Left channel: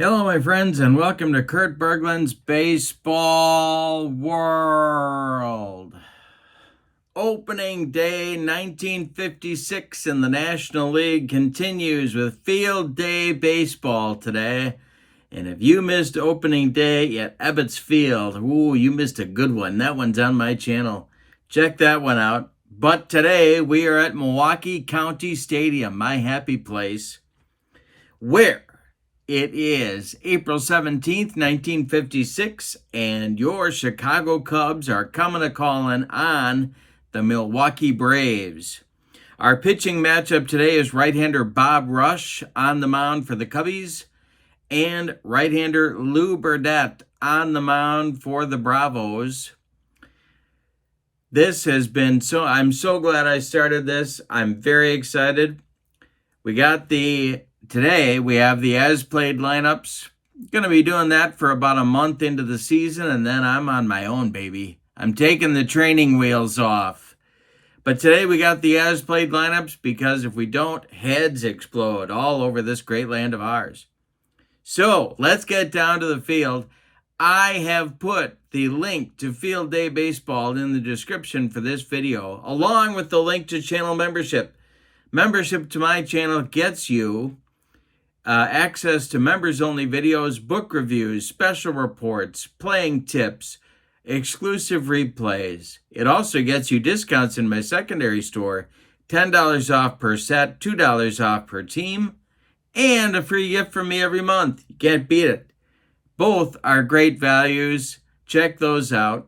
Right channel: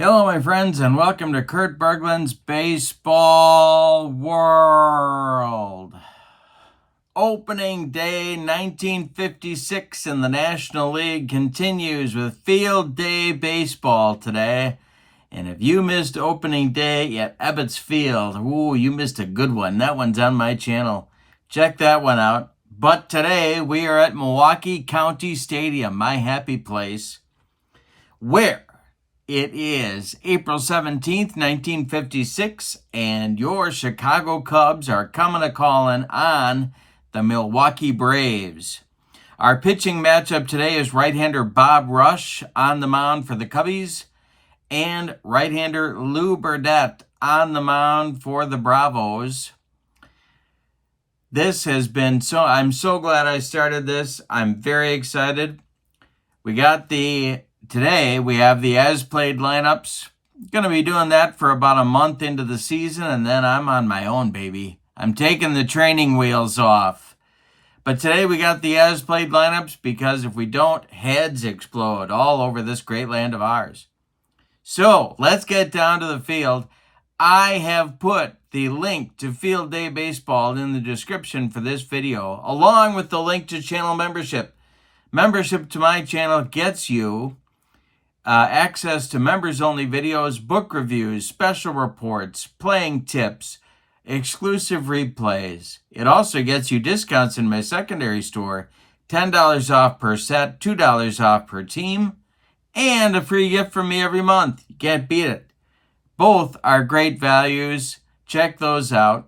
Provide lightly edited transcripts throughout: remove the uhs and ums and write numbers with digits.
Hello, my friends, and welcome to Kurt Berglund's Baseball World. Opening day 1956 in the National League continues with Field Day Baseball today. And if you missed opening day at Ebbets Field, you missed a good one. That one's on my channel. Check that one out. But today we are at Milwaukee County Stadium, my happy place, where it is April 17th, 1956, and your Chicago Cubs are coming to calling on the Milwaukee Braves. Our pitching matchup today is right-hander Bob Rush on the mound for the Cubbies and right-hander Lou Burdette on the mound for the Bravos. This has been I'm so glad I started this. I'm very excited. Today we have the as-played lineups. Going to be doing that for about a month into the season, and then I'm on my own, baby. I'm taking the training wheels off. But today we got the as-played lineups because if we don't, heads explode all over this great land of ours. So let's get down to the field. I have put the link to Field Day Baseball in the description for this video, along with the link to channel membership. Membership to my channel gets you access to members-only videos, book reviews, special reports, playing tips, exclusive replays. It also gets you discounts in my secondary store, $10 off per set, $2 off per team, and a free gift from me every month. You can't beat it. Both are great values. Check those out.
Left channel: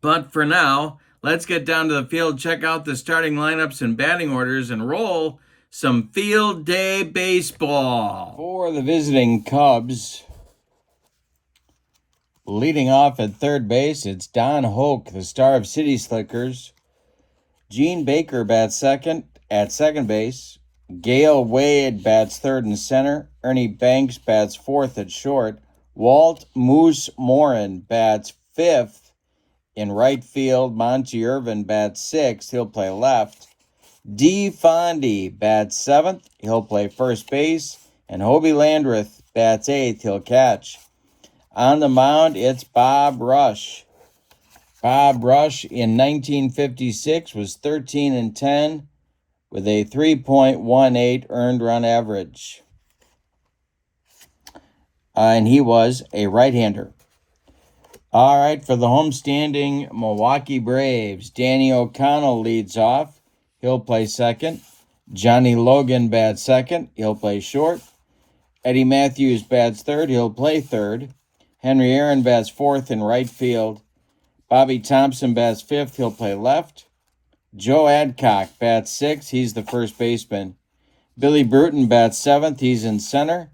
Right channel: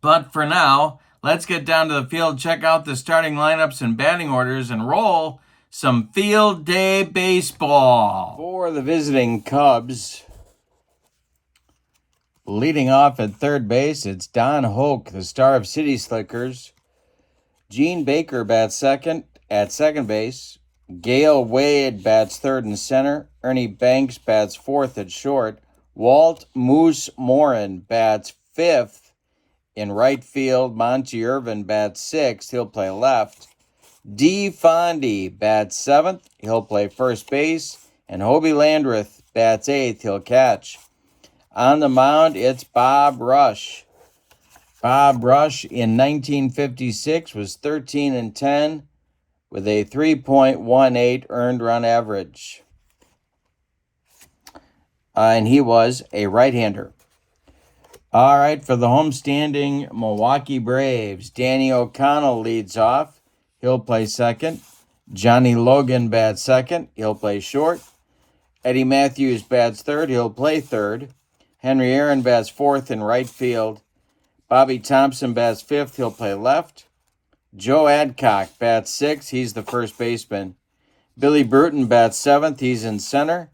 But for now, let's get down to the field, check out the starting lineups and batting orders, and roll some Field Day Baseball. For the visiting Cubs, leading off at third base, it's Don Hoke, the star of City Slickers. Gene Baker bats second at second base. Gale Wade bats third and center. Ernie Banks bats fourth at short. Walt Moose Morin bats fifth in right field. Monty Irvin bats sixth. He'll play left. D. Fondy bats seventh. He'll play first base. And Hobie Landreth bats eighth. He'll catch. On the mound, it's Bob Rush. Bob Rush in 1956 was 13-10 with a 3.18 earned run average. And he was a right-hander. All right, for the homestanding Milwaukee Braves, Danny O'Connell leads off. He'll play second. Johnny Logan bats second. He'll play short. Eddie Matthews bats third. He'll play third. Henry Aaron bats fourth in right field. Bobby Thompson bats fifth. He'll play left. Joe Adcock bats sixth. He's the first baseman. Billy Bruton bats seventh. He's in center.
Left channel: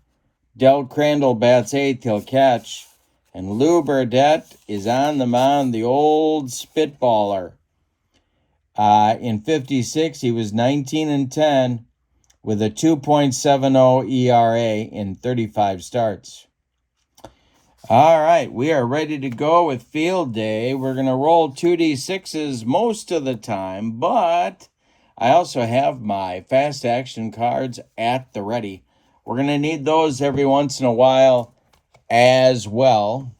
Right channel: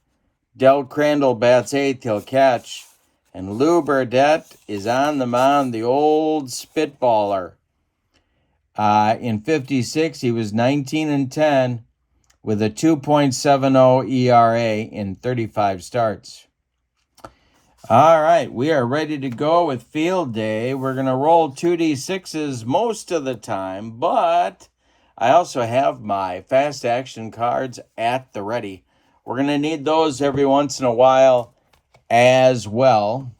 Del Crandall bats eighth. He'll catch. And Lou Burdette is on the mound, the old spitballer. In 56, he was 19-10 with a 2.70 ERA in 35 starts. All right, we are ready to go with Field Day. We're going to roll 2D6s most of the time, but I also have my fast action cards at the ready. We're going to need those every once in a while as well.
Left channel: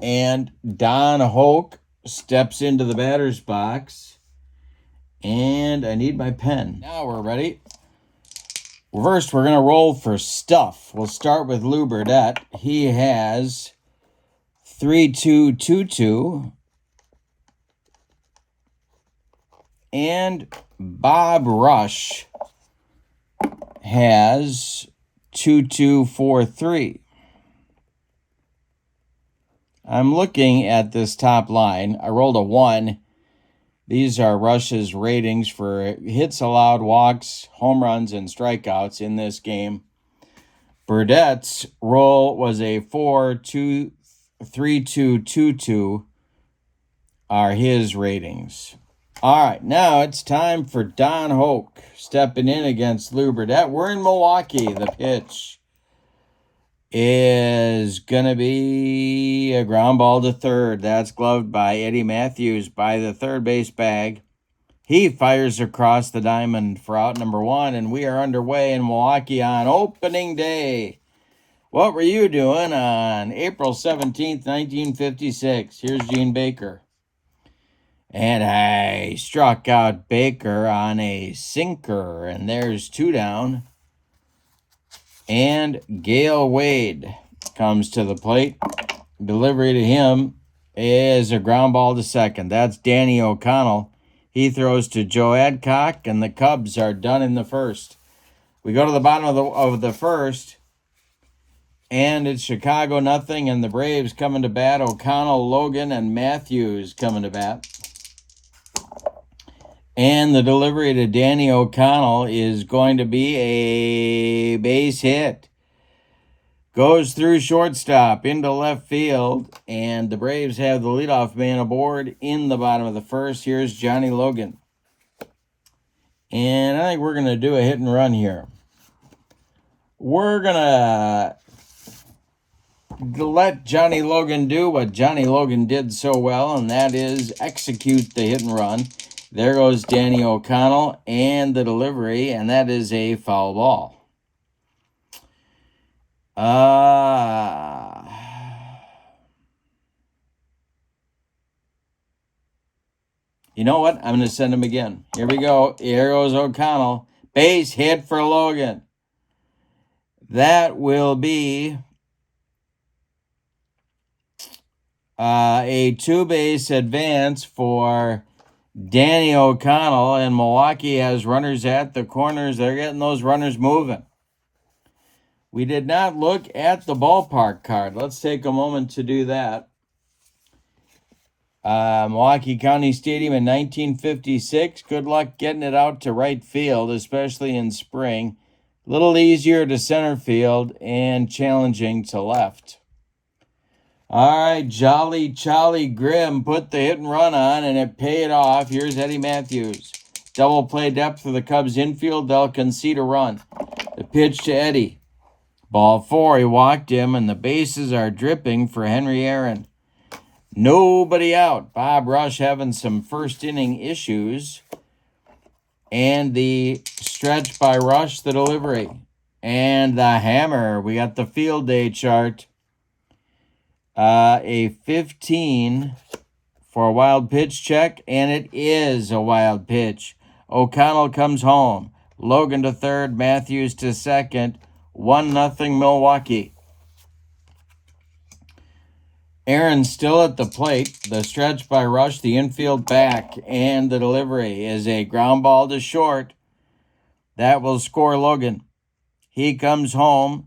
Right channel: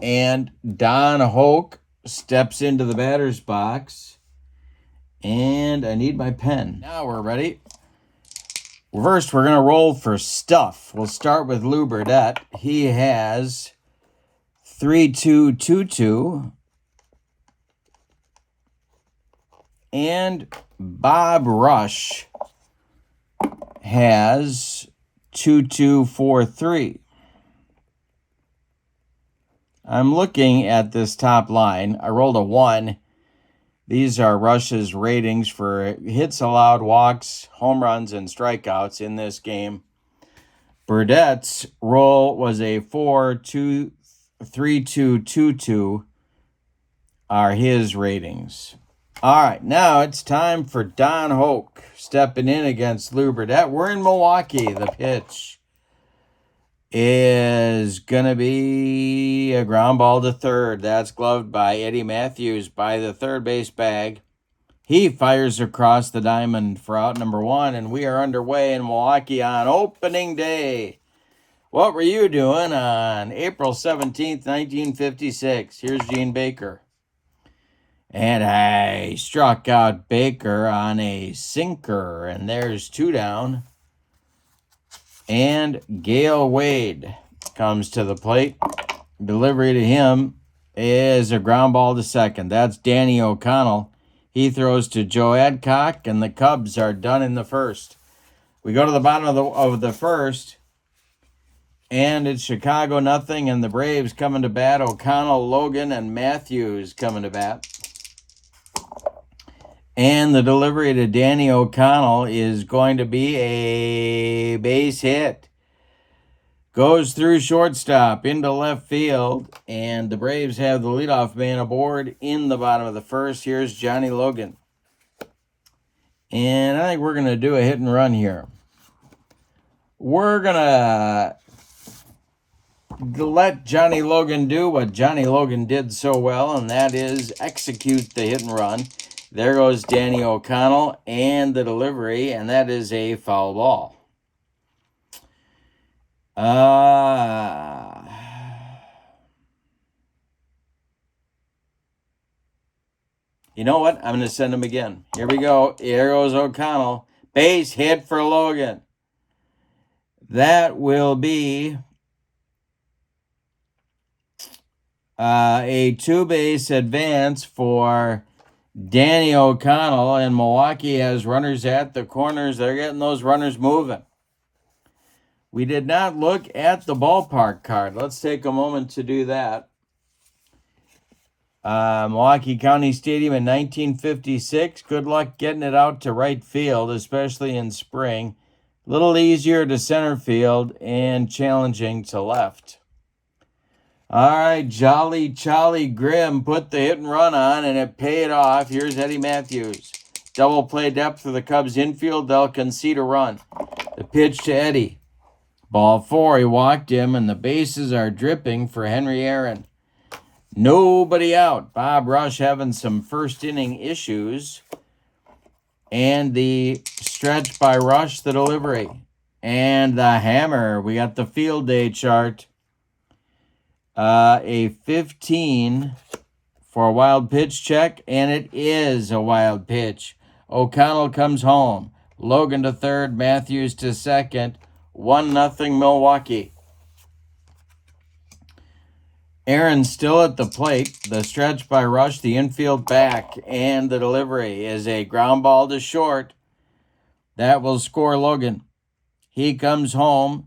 And Don Hoke steps into the batter's box. And I need my pen. Now we're ready. First, we're going to roll for stuff. We'll start with Lou Burdette. He has 3-2-2-2. And Bob Rush has 2-2-4-3. I'm looking at this top line. I rolled a 1. These are Rush's ratings for hits allowed, walks, home runs, and strikeouts in this game. Burdette's roll was a 4-2-3-2-2-2 are his ratings. All right, now it's time for Don Hoke stepping in against Lou Burdette. We're in Milwaukee. The pitch is going to be a ground ball to third. That's gloved by Eddie Matthews by the third base bag. He fires across the diamond for out number 1, and we are underway in Milwaukee on opening day. What were you doing on April 17th, 1956? Here's Gene Baker. And I struck out Baker on a sinker, and there's 2 down. And Gale Wade comes to the plate. Delivery to him is a ground ball to second. That's Danny O'Connell. He throws to Joe Adcock, and the Cubs are done in the first. We go to the bottom of the first, and it's Chicago nothing, and the Braves coming to bat. O'Connell, Logan, and Matthews coming to bat. And the delivery to Danny O'Connell is going to be a base hit. Goes through shortstop into left field, and the Braves have the leadoff man aboard in the bottom of the first. Here's Johnny Logan. And I think we're going to do a hit and run here. We're going to let Johnny Logan do what Johnny Logan did so well, and that is execute the hit and run. There goes Danny O'Connell and the delivery, and that is a foul ball. You know what? I'm going to send him again. Here we go. Here goes O'Connell. Base hit for Logan. That will be a 2-base advance for Danny O'Connell, and Milwaukee has runners at the corners. They're getting those runners moving. We did not look at the ballpark card. Let's take a moment to do that. Milwaukee County Stadium in 1956. Good luck getting it out to right field, especially in spring. A little easier to center field and challenging to left. All right, Jolly Charlie Grimm put the hit and run on, and it paid off. Here's Eddie Matthews. Double play depth for the Cubs infield. They'll concede a run. The pitch to Eddie. Ball 4, he walked him, and the bases are dripping for Henry Aaron. Nobody out. Bob Rush having some first inning issues. And the stretch by Rush, the delivery. And the hammer. We got the field day chart. A 15 for a wild pitch check, and it is a wild pitch. O'Connell comes home. Logan to third, Matthews to second. 1-0 Milwaukee. Aaron still at the plate. The stretch by Rush, the infield back, and the delivery is a ground ball to short. That will score Logan. He comes home.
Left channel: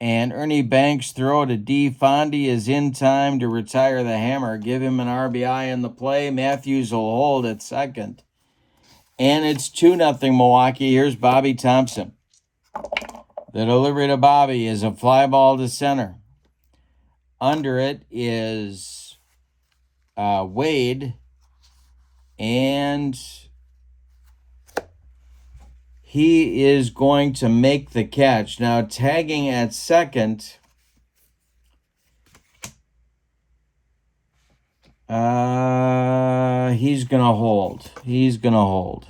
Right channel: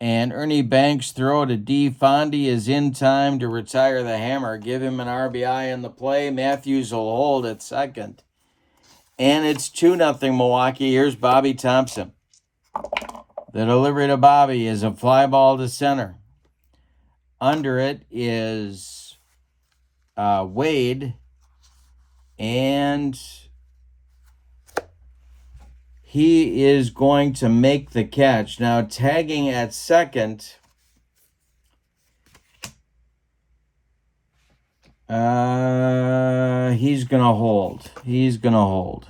And Ernie Banks' throw to D. Fondy is in time to retire the hammer. Give him an RBI in the play. Matthews will hold at second. And it's 2-0 Milwaukee. Here's Bobby Thompson. The delivery to Bobby is a fly ball to center. Under it is Wade. And he is going to make the catch. Now, tagging at second, he's going to hold. He's going to hold.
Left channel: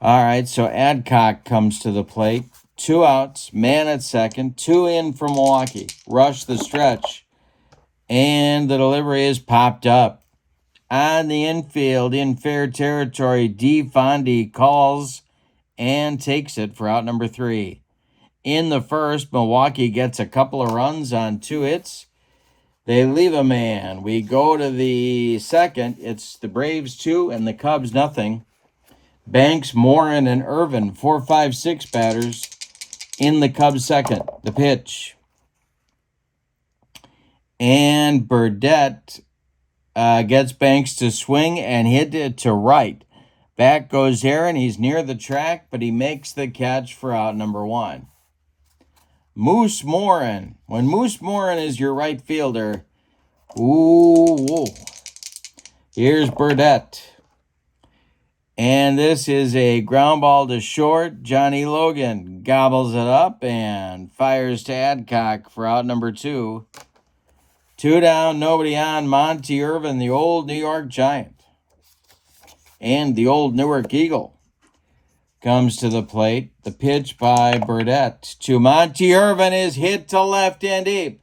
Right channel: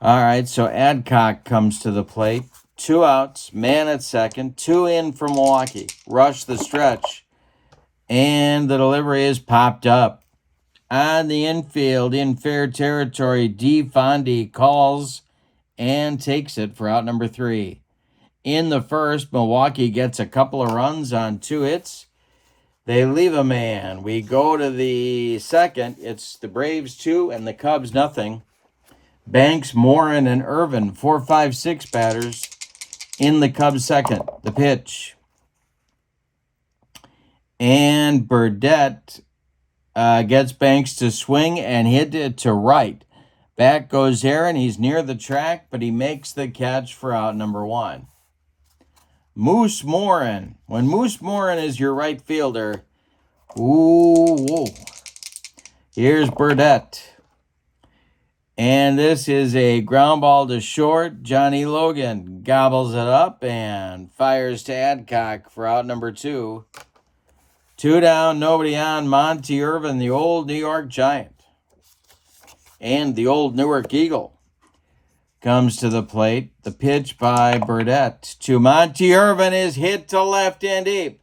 All right, so Adcock comes to the plate. 2 outs, man at second, 2 in for Milwaukee. Rush the stretch. And the delivery is popped up. On the infield, in fair territory, D. Fondy calls and takes it for out number 3. In the first, Milwaukee gets a couple of runs on 2 hits. They leave a man. We go to the second. It's the Braves 2 and the Cubs nothing. Banks, Morin, and Irvin, 4, 5, 6 batters in the Cubs second. The pitch. And Burdette gets Banks to swing and hit it to right. Back goes Aaron. He's near the track, but he makes the catch for out number 1. Moose Morin. When Moose Morin is your right fielder, ooh. Here's Burdette. And this is a ground ball to short. Johnny Logan gobbles it up and fires to Adcock for out number 2. 2 down, nobody on. Monty Irvin, the old New York Giant. And the old Newark Eagle comes to the plate. The pitch by Burdette to Monty Irvin is hit to left and deep.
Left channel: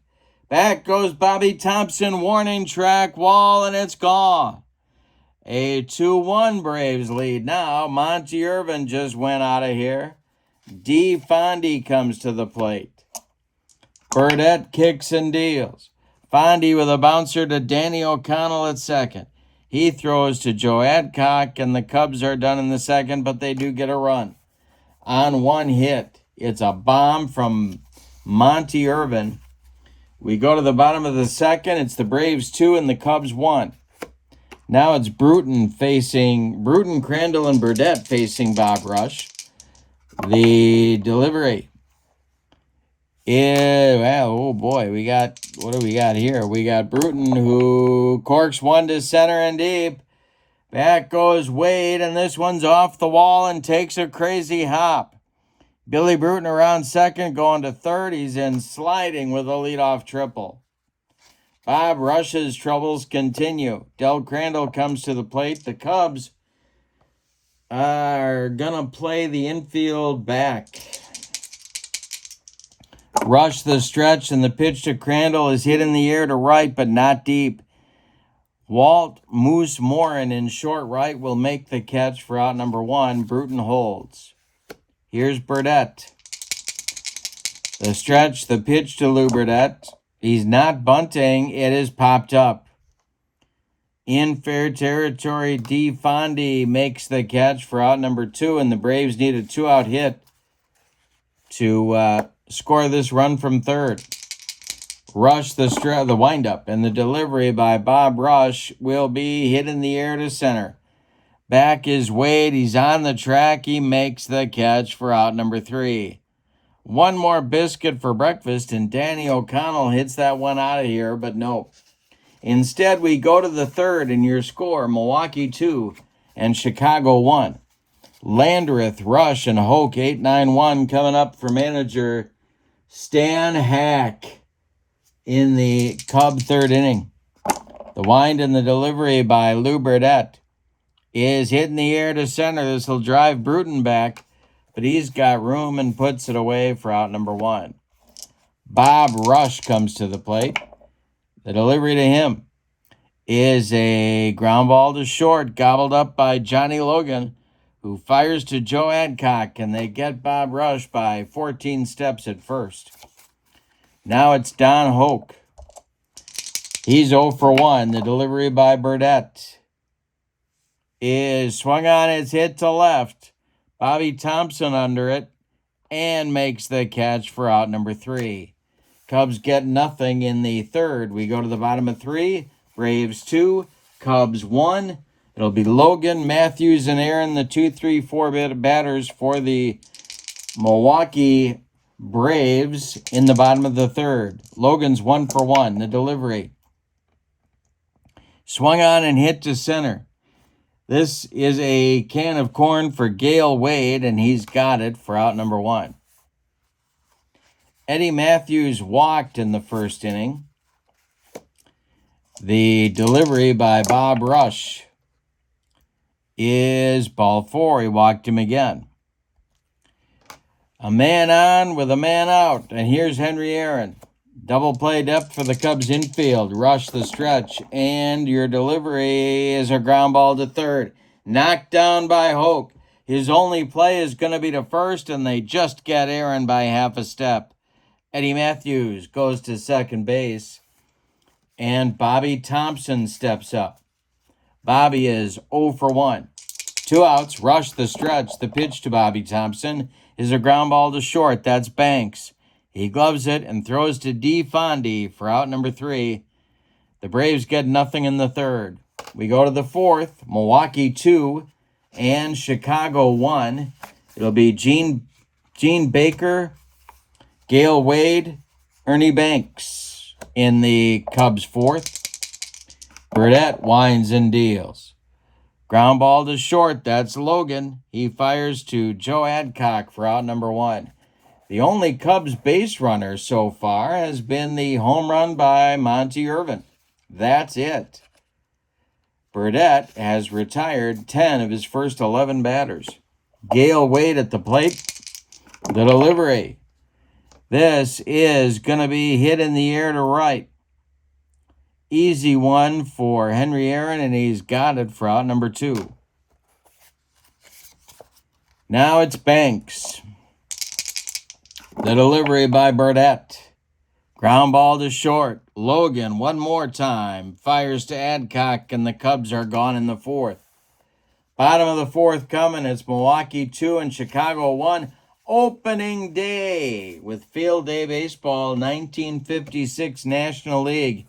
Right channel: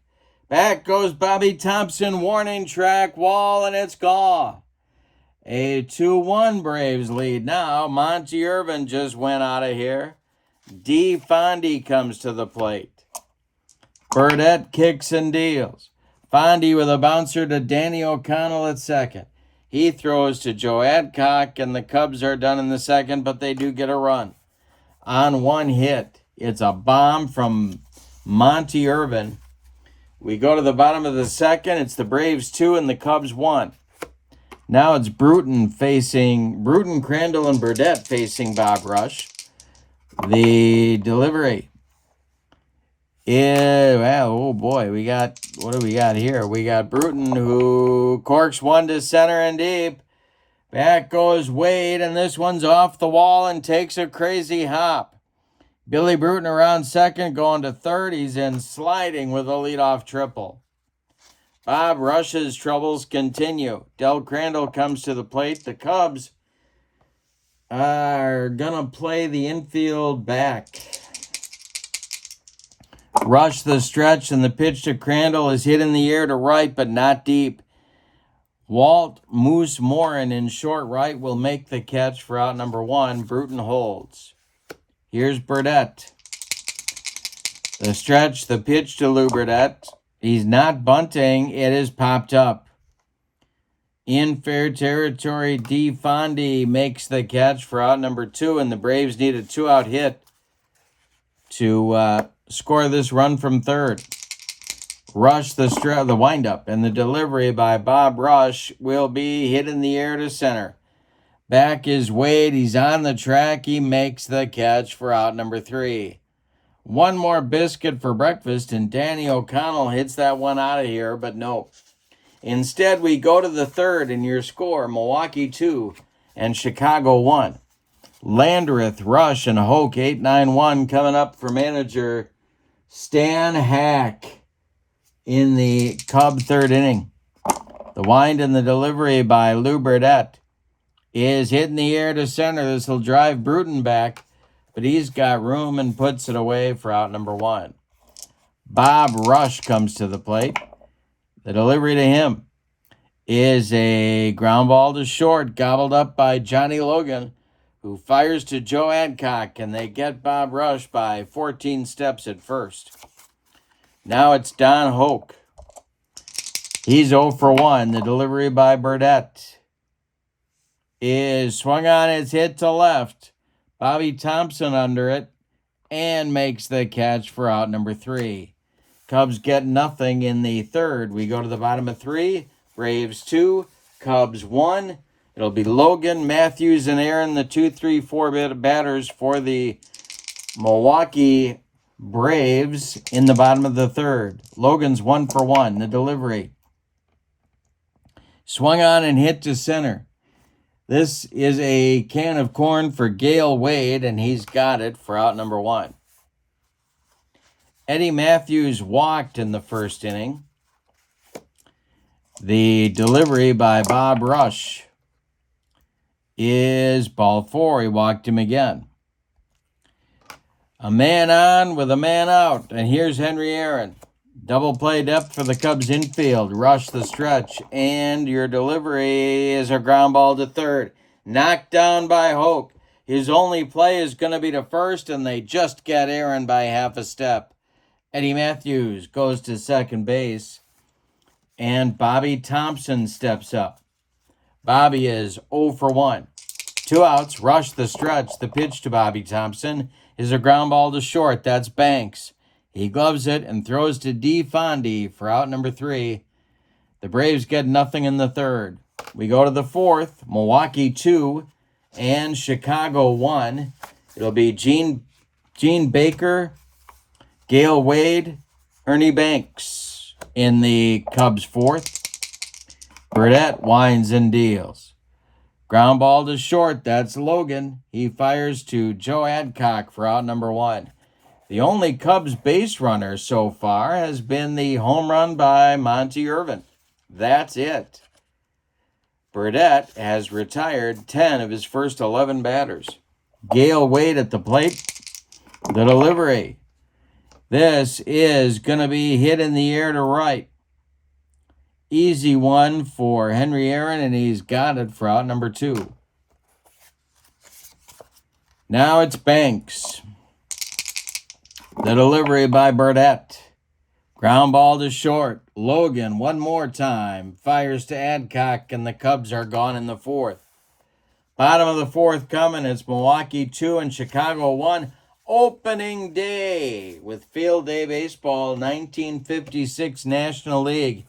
Back goes Bobby Thompson, warning track wall, and it's gone. A 2-1 Braves lead now. Monty Irvin just went out of here. D. Fondy comes to the plate. Burdette kicks and deals. Fondy with a bouncer to Danny O'Connell at second. He throws to Joe Adcock, and the Cubs are done in the second, but they do get a run. On one hit, it's a bomb from Monty Irvin. We go to the bottom of the second. It's the Braves 2 and the Cubs 1. Now it's Bruton, Crandall, and Burdette facing Bob Rush. The delivery. Yeah, well, oh boy, what do we got here? We got Bruton who corks one to center and deep. Back goes Wade, and this one's off the wall and takes a crazy hop. Billy Bruton around second, going to third. He's in sliding with a leadoff triple. Bob Rush's troubles continue. Del Crandall comes to the plate. The Cubs are going to play the infield back. Rush the stretch, and the pitch to Crandall is hit in the air to right, but not deep. Walt Moose Morin in short right will make the catch for out number 1. Bruton holds. Here's Burdette. The stretch, the pitch to Lou Burdette. He's not bunting. It is popped up. In fair territory, D. Fondy makes the catch for out number 2, and the Braves need a 2-out hit to score this run from third. Rush the windup, and the delivery by Bob Rush will be hit in the air to center. Back is Wade. He's on the track. He makes the catch for out number 3. One more biscuit for breakfast, and Danny O'Connell hits that one out of here, but no. Instead, we go to the third, and your score, Milwaukee 2 and Chicago 1. Landreth, Rush, and Hoke 8-9-1 coming up for manager Stan Hack in the Cub third inning. The wind and the delivery by Lou Burdette is hit in the air to center. This will drive Bruton back, but he's got room and puts it away for out number 1. Bob Rush comes to the plate. The delivery to him is a ground ball to short, gobbled up by Johnny Logan, who fires to Joe Adcock, and they get Bob Rush by 14 steps at first. Now it's Don Hoke. He's 0 for 1. The delivery by Burdette is swung on. It's hit to left. Bobby Thompson under it and makes the catch for out number 3. Cubs get nothing in the third. We go to the bottom of 3. Braves 2, Cubs 1. It'll be Logan, Matthews, and Aaron, the 2-3-4 batters for the Milwaukee Braves in the bottom of the third. Logan's 1 for 1. The delivery. Swung on and hit to center. This is a can of corn for Gale Wade, and he's got it for out number 1. Eddie Matthews walked in the first inning. The delivery by Bob Rush is ball 4. He walked him again. A man on with a man out, and here's Henry Aaron. Double play depth for the Cubs infield. Rush the stretch, and your delivery is a ground ball to third. Knocked down by Hoke. His only play is going to be to first, and they just get Aaron by half a step. Eddie Matthews goes to second base, and Bobby Thompson steps up. Bobby is 0 for 1. 2 outs, Rush the stretch. The pitch to Bobby Thompson is a ground ball to short. That's Banks. He gloves it and throws to D. Fondy for out number 3. The Braves get nothing in the third. We go to the fourth. Milwaukee 2 and Chicago 1. It'll be Gene Baker, Gale Wade, Ernie Banks in the Cubs fourth. Burdette winds and deals. Ground ball to short. That's Logan. He fires to Joe Adcock for out number 1. The only Cubs base runner so far has been the home run by Monty Irvin. That's it. Burdette has retired 10 of his first 11 batters. Gale Wade at the plate. The delivery. This is going to be hit in the air to right. Easy one for Henry Aaron, and he's got it for out number 2. Now it's Banks. The delivery by Burdette. Ground ball to short. Logan, one more time, fires to Adcock, and the Cubs are gone in the 4th. Bottom of the 4th coming. It's Milwaukee 2 and Chicago 1. Opening day with Field Day Baseball, 1956 National League.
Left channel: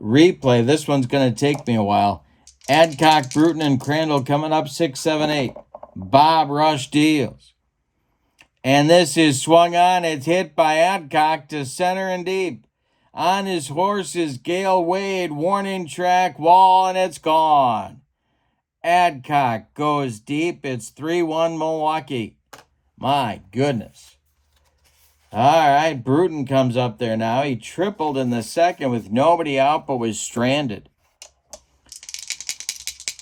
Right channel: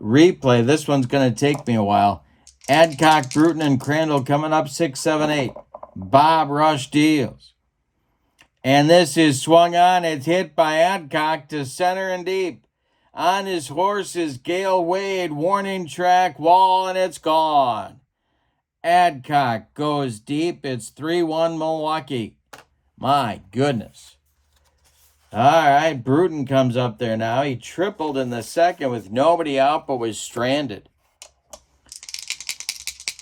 Replay. This one's going to take me a while. Adcock, Bruton, and Crandall coming up 6, 7, 8. Bob Rush deals. And this is swung on. It's hit by Adcock to center and deep. On his horse is Gale Wade. Warning track wall, and it's gone. Adcock goes deep. It's 3-1 Milwaukee. My goodness. All right, Bruton comes up there now. He tripled in the 2nd with nobody out but was stranded.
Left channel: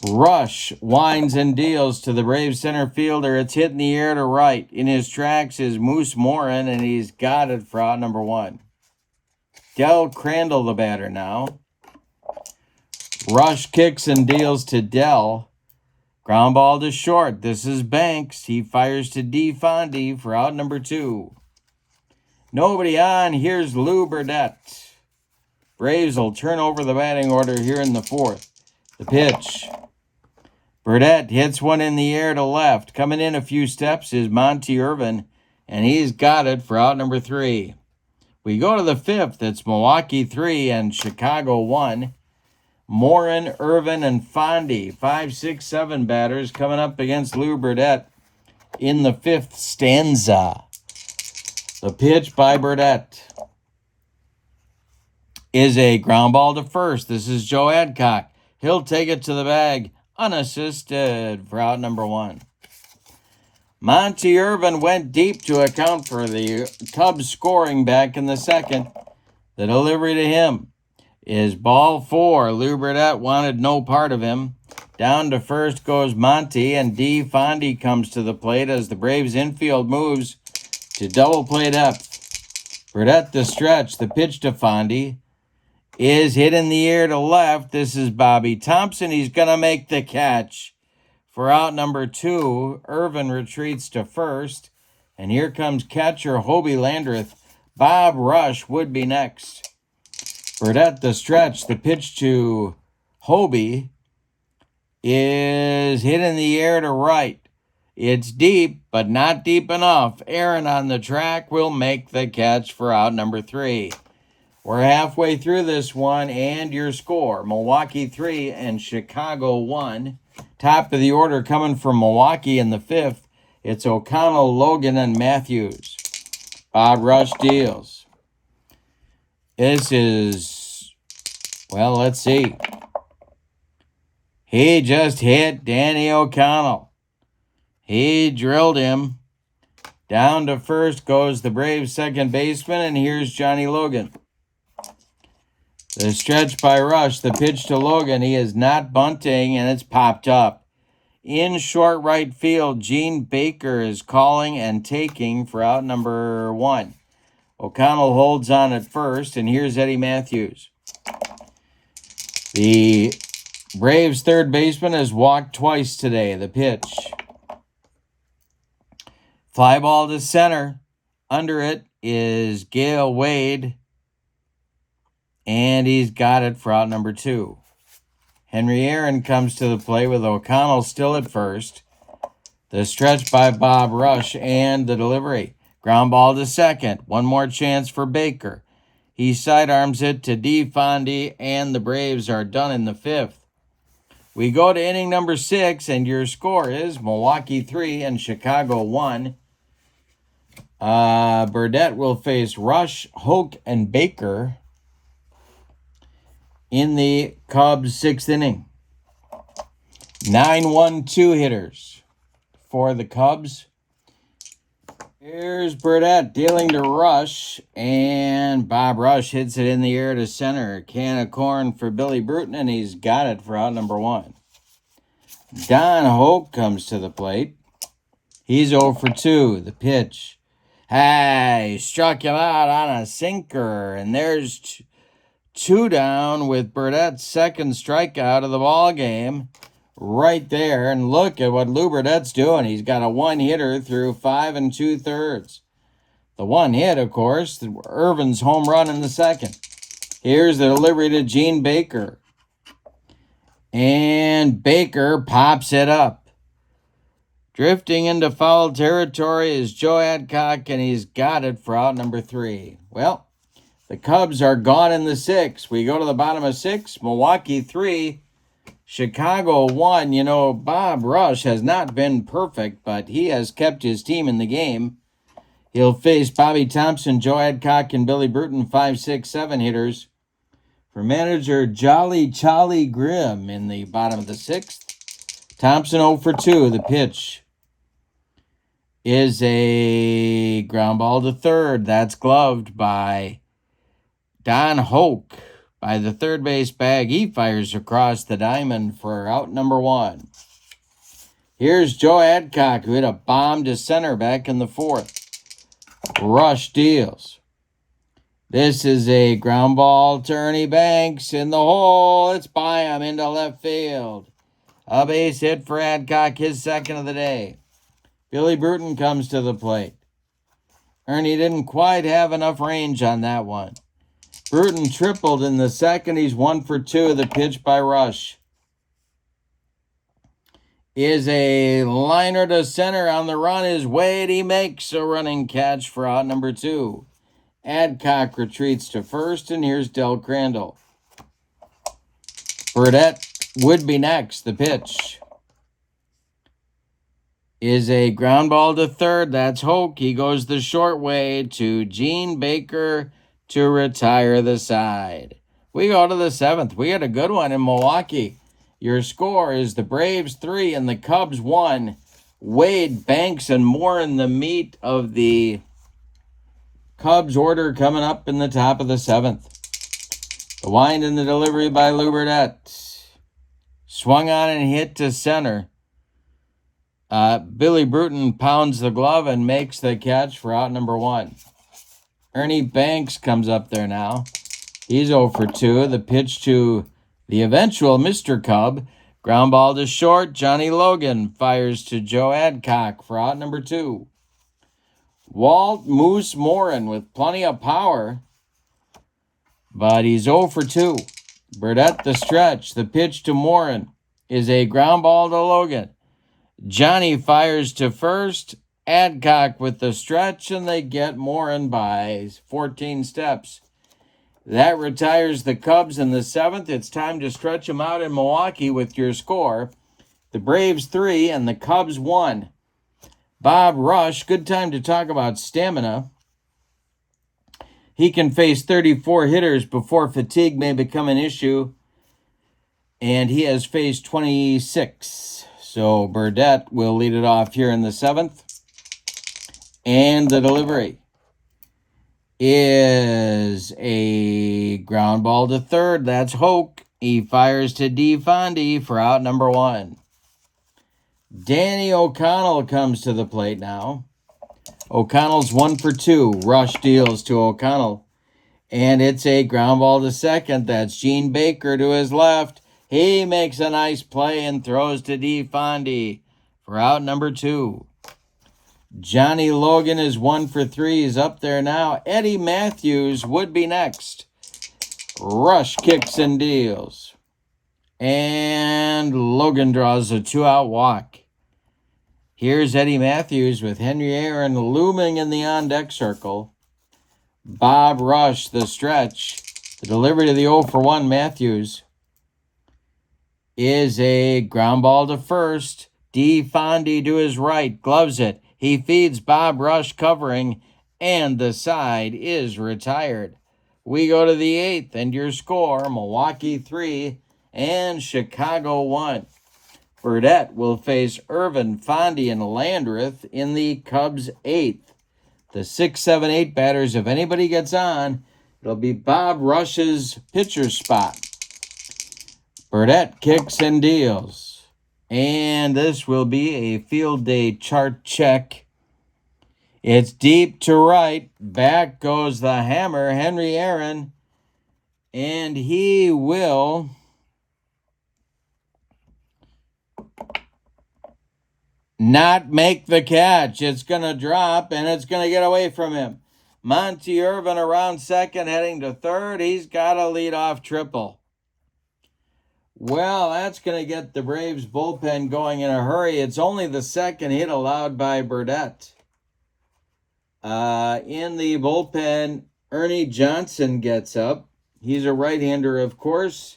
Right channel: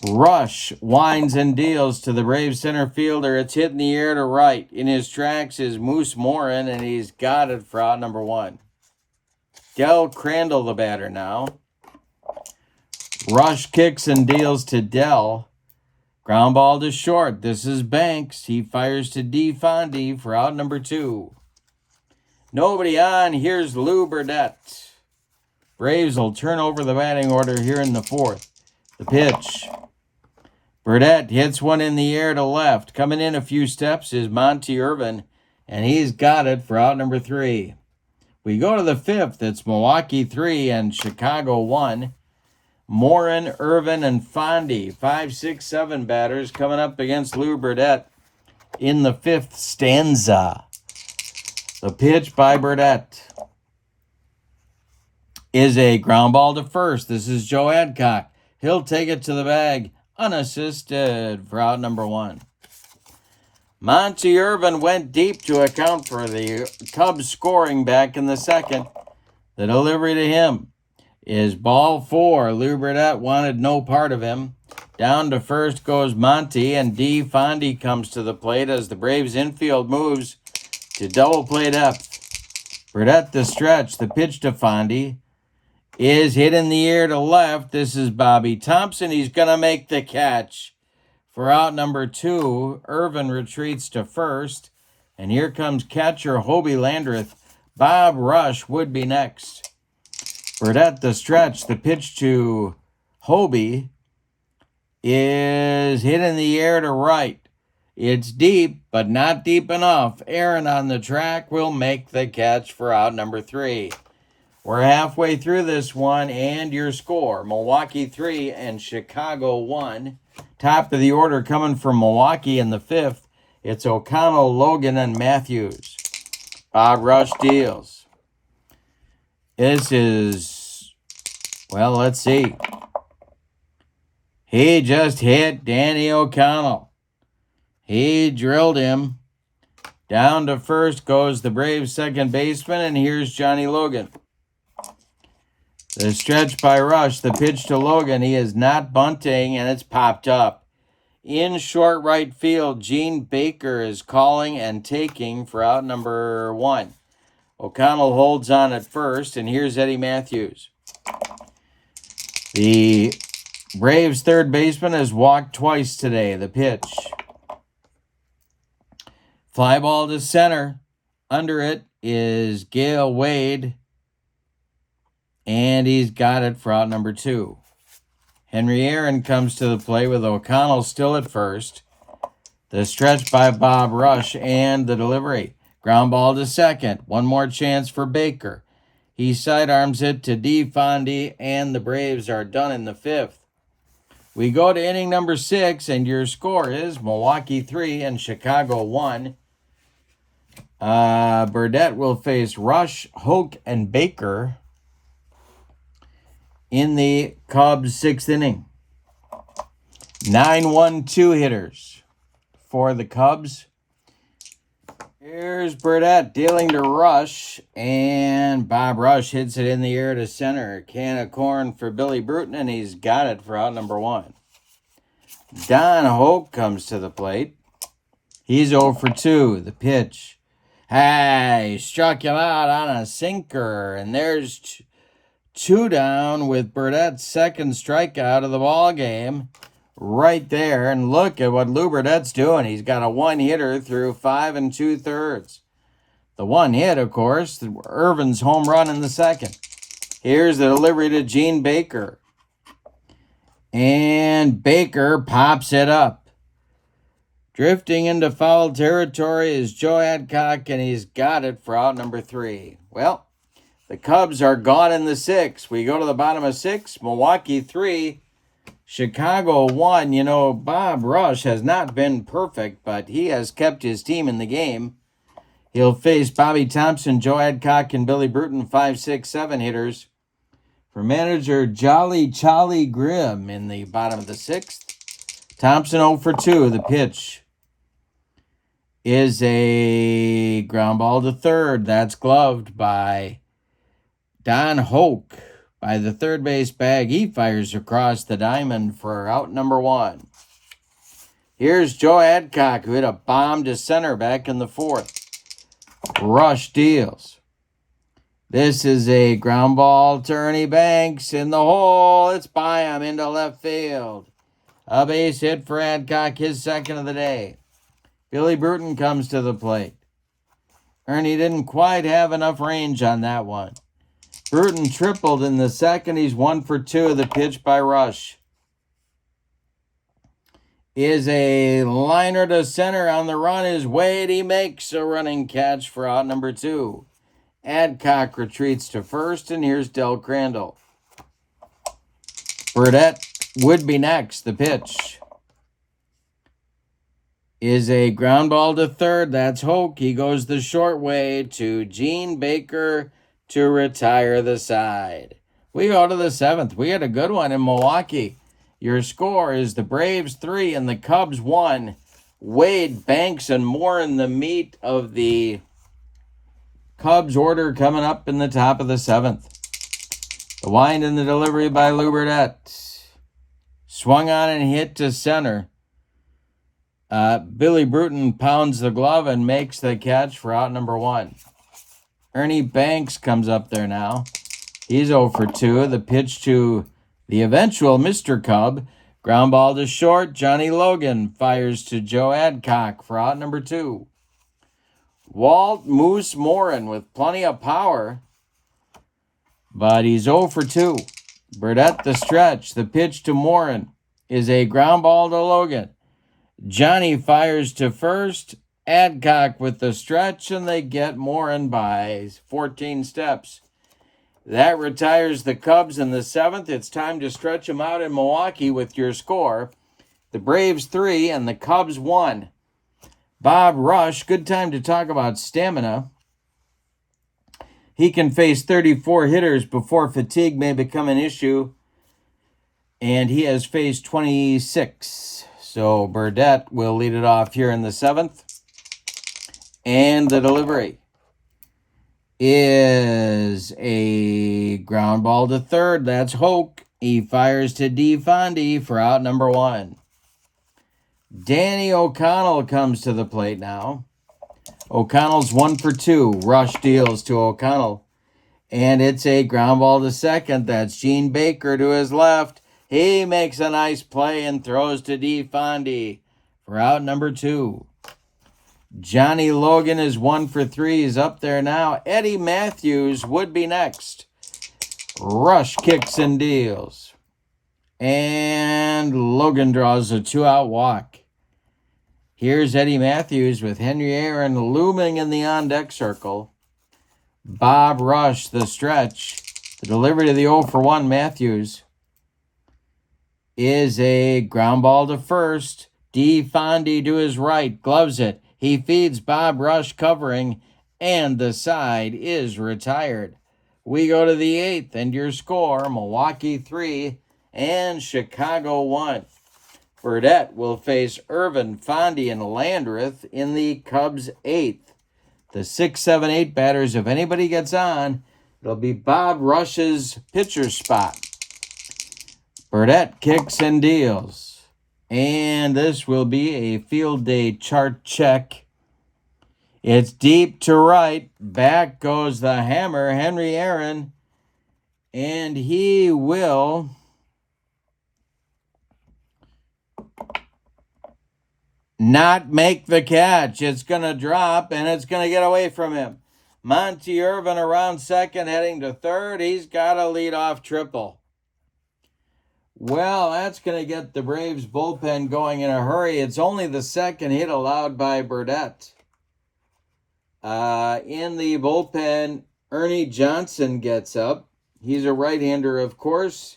Rush winds and deals to the Braves center fielder. It's hit in the air to right. In his tracks is Moose Morin, and he's got it for out number 1. Del Crandall the batter now. Rush kicks and deals to Dell. Ground ball to short. This is Banks. He fires to D. Fondy for out number 2. Nobody on. Here's Lou Burdette. Braves will turn over the batting order here in the 4th. The pitch. Burdette hits one in the air to left. Coming in a few steps is Monty Irvin, and he's got it for out number 3. We go to the 5th. It's Milwaukee 3 and Chicago 1. Morin, Irvin, and Fondy, 5, 6, 7 batters coming up against Lou Burdette in the 5th stanza. The pitch by Burdette is a ground ball to first. This is Joe Adcock. He'll take it to the bag, unassisted for out number 1. Monty Irvin went deep to account for the Cubs scoring back in the 2nd. The delivery to him is ball 4. Lou Burdette wanted no part of him. Down to first goes Monty, and D. Fondy comes to the plate as the Braves infield moves to double play depth. Burdette the stretch. The pitch to Fondy is hit in the air to left. This is Bobby Thompson. He's going to make the catch for out number 2. Irvin retreats to first. And here comes catcher Hobie Landreth. Bob Rush would be next. Burdette the stretch. The pitch to Hobie is hit in the air to right. It's deep, but not deep enough. Aaron on the track will make the catch for out number 3. We're halfway through this one, and your score, Milwaukee 3 and Chicago 1. Top of the order coming from Milwaukee in the 5th. It's O'Connell, Logan, and Matthews. Bob Rush deals. This is, well, let's see. He just hit Danny O'Connell. He drilled him. Down to first goes the Braves second baseman, and here's Johnny Logan. The stretch by Rush, the pitch to Logan. He is not bunting, and it's popped up. In short right field, Gene Baker is calling and taking for out number 1. O'Connell holds on at first, and here's Eddie Matthews. The Braves third baseman has walked twice today. The pitch. Fly ball to center. Under it is Gale Wade, and he's got it for out number 2. Henry Aaron comes to the plate with O'Connell still at first. The stretch by Bob Rush and the delivery. Ground ball to second. One more chance for Baker. He sidearms it to D. Fondy, and the Braves are done in the 5th. We go to inning number 6, and your score is Milwaukee 3 and Chicago 1. Burdette will face Rush, Hoke, and Baker in the Cubs' 6th inning. 9-1-2 hitters for the Cubs. Here's Burdette dealing to Rush, and Bob Rush hits it in the air to center. Can of corn for Billy Bruton, and he's got it for out number 1. Don Hope comes to the plate. He's 0 for 2. The pitch. Hey, struck him out on a sinker, and there's 2 down with Burdette's second strikeout of the ball game. Right there, and look at what Lou Burdette's doing. He's got a 1-hitter through 5 2/3. The 1 hit, of course, Irvin's home run in the second. Here's the delivery to Gene Baker. And Baker pops it up. Drifting into foul territory is Joe Adcock, and he's got it for out number 3. Well, the Cubs are gone in the 6th. We go to the bottom of 6. Milwaukee 3. Chicago 1. You know, Bob Rush has not been perfect, but he has kept his team in the game. He'll face Bobby Thompson, Joe Adcock, and Billy Bruton, 5, 6, 7 hitters. For manager Jolly Charlie Grimm in the bottom of the 6th. Thompson 0 for 2. The pitch is a ground ball to third. That's gloved by Don Hoke. By the third base bag, he fires across the diamond for out number 1. Here's Joe Adcock, who hit a bomb to center back in the 4th. Rush deals. This is a ground ball to Ernie Banks in the hole. It's by him into left field. A base hit for Adcock, his second of the day. Billy Bruton comes to the plate. Ernie didn't quite have enough range on that one. Bruton tripled in the second. He's 1 for 2. The pitch by Rush is a liner to center. On the run is Wade. He makes a running catch for out number 2. Adcock retreats to first, and here's Del Crandall. Burdette would be next. The pitch is a ground ball to third. That's Hoke. He goes the short way to Gene Baker to retire the side. We go to the 7th. We had a good one in Milwaukee. Your score is the Braves 3 and the Cubs 1. Wade, Banks, and more in the meat of the Cubs order coming up in the top of the 7th. The wind and the delivery by Lou Burdette. Swung on and hit to center. Billy Bruton pounds the glove and makes the catch for out number 1. Ernie Banks comes up there now. He's 0 for 2. The pitch to the eventual Mr. Cub. Ground ball to short. Johnny Logan fires to Joe Adcock for out number 2. Walt Moose Morin with plenty of power, but he's 0 for 2. Burdette the stretch. The pitch to Morin is a ground ball to Logan. Johnny fires to first. Adcock with the stretch, and they get Morin by 14 steps. That retires the Cubs in the 7th. It's time to stretch them out in Milwaukee with your score. The Braves 3 and the Cubs 1. Bob Rush, good time to talk about stamina. He can face 34 hitters before fatigue may become an issue, and he has faced 26. So Burdette will lead it off here in the 7th. And the delivery is a ground ball to third. That's Hoke. He fires to DeFonde for out number 1. Danny O'Connell comes to the plate now. O'Connell's 1 for 2. Rush deals to O'Connell. And it's a ground ball to second. That's Gene Baker to his left. He makes a nice play and throws to DeFonde for out number 2. Johnny Logan is 1 for 3. He's up there now. Eddie Matthews would be next. Rush kicks and deals. And Logan draws a 2-out walk. Here's Eddie Matthews with Henry Aaron looming in the on-deck circle. Bob Rush, the stretch. The delivery to the 0 for 1 Matthews is a ground ball to first. DeFonde to his right, gloves it. He feeds Bob Rush covering, and the side is retired. We go to the 8th, and your score, Milwaukee 3 and Chicago 1. Burdette will face Irvin, Fondy, and Landreth in the Cubs 8th. The 6, 7, 8 batters, if anybody gets on, it'll be Bob Rush's pitcher spot. Burdette kicks and deals. And this will be a field day chart check. It's deep to right. Back goes the hammer, Henry Aaron. And he will not make the catch. It's going to drop, and it's going to get away from him. Monty Irvin around second, heading to third. He's got a leadoff triple. Well, that's going to get the Braves bullpen going in a hurry. It's only the second hit allowed by Burdette. In the bullpen, Ernie Johnson gets up. He's a right-hander, of course,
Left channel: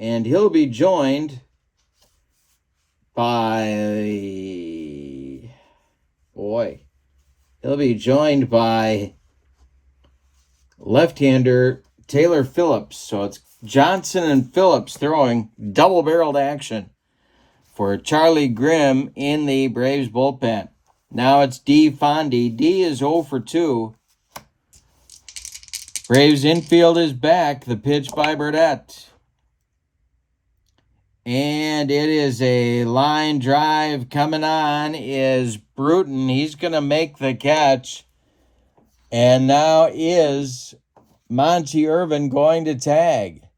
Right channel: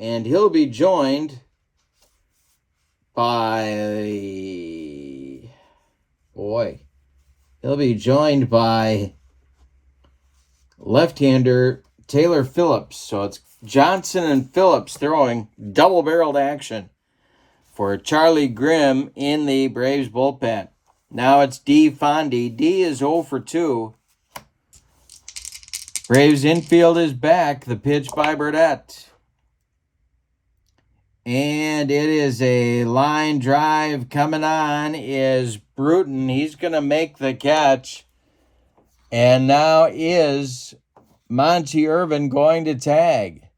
and he'll be joined by, left-hander Taylor Phillips. So it's Johnson and Phillips throwing double-barreled action for Charlie Grimm in the Braves bullpen. Now it's D. Fondy. D is 0 for 2. Braves infield is back. The pitch by Burdette. And it is a line drive coming on is Bruton. He's going to make the catch. And now is Monty Irvin going to tag?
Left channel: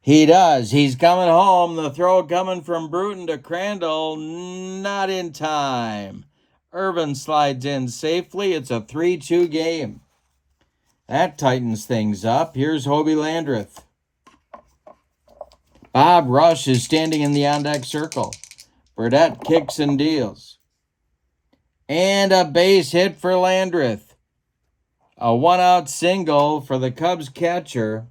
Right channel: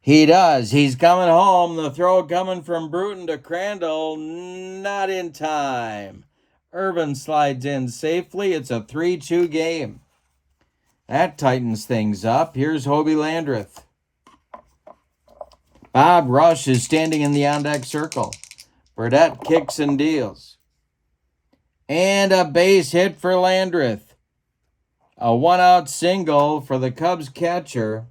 He does. He's coming home. The throw coming from Bruton to Crandall. Not in time. Irvin slides in safely. It's a 3-2 game. That tightens things up. Here's Hobie Landreth. Bob Rush is standing in the on-deck circle. Burdette kicks and deals. And a base hit for Landreth. A one-out single for the Cubs catcher.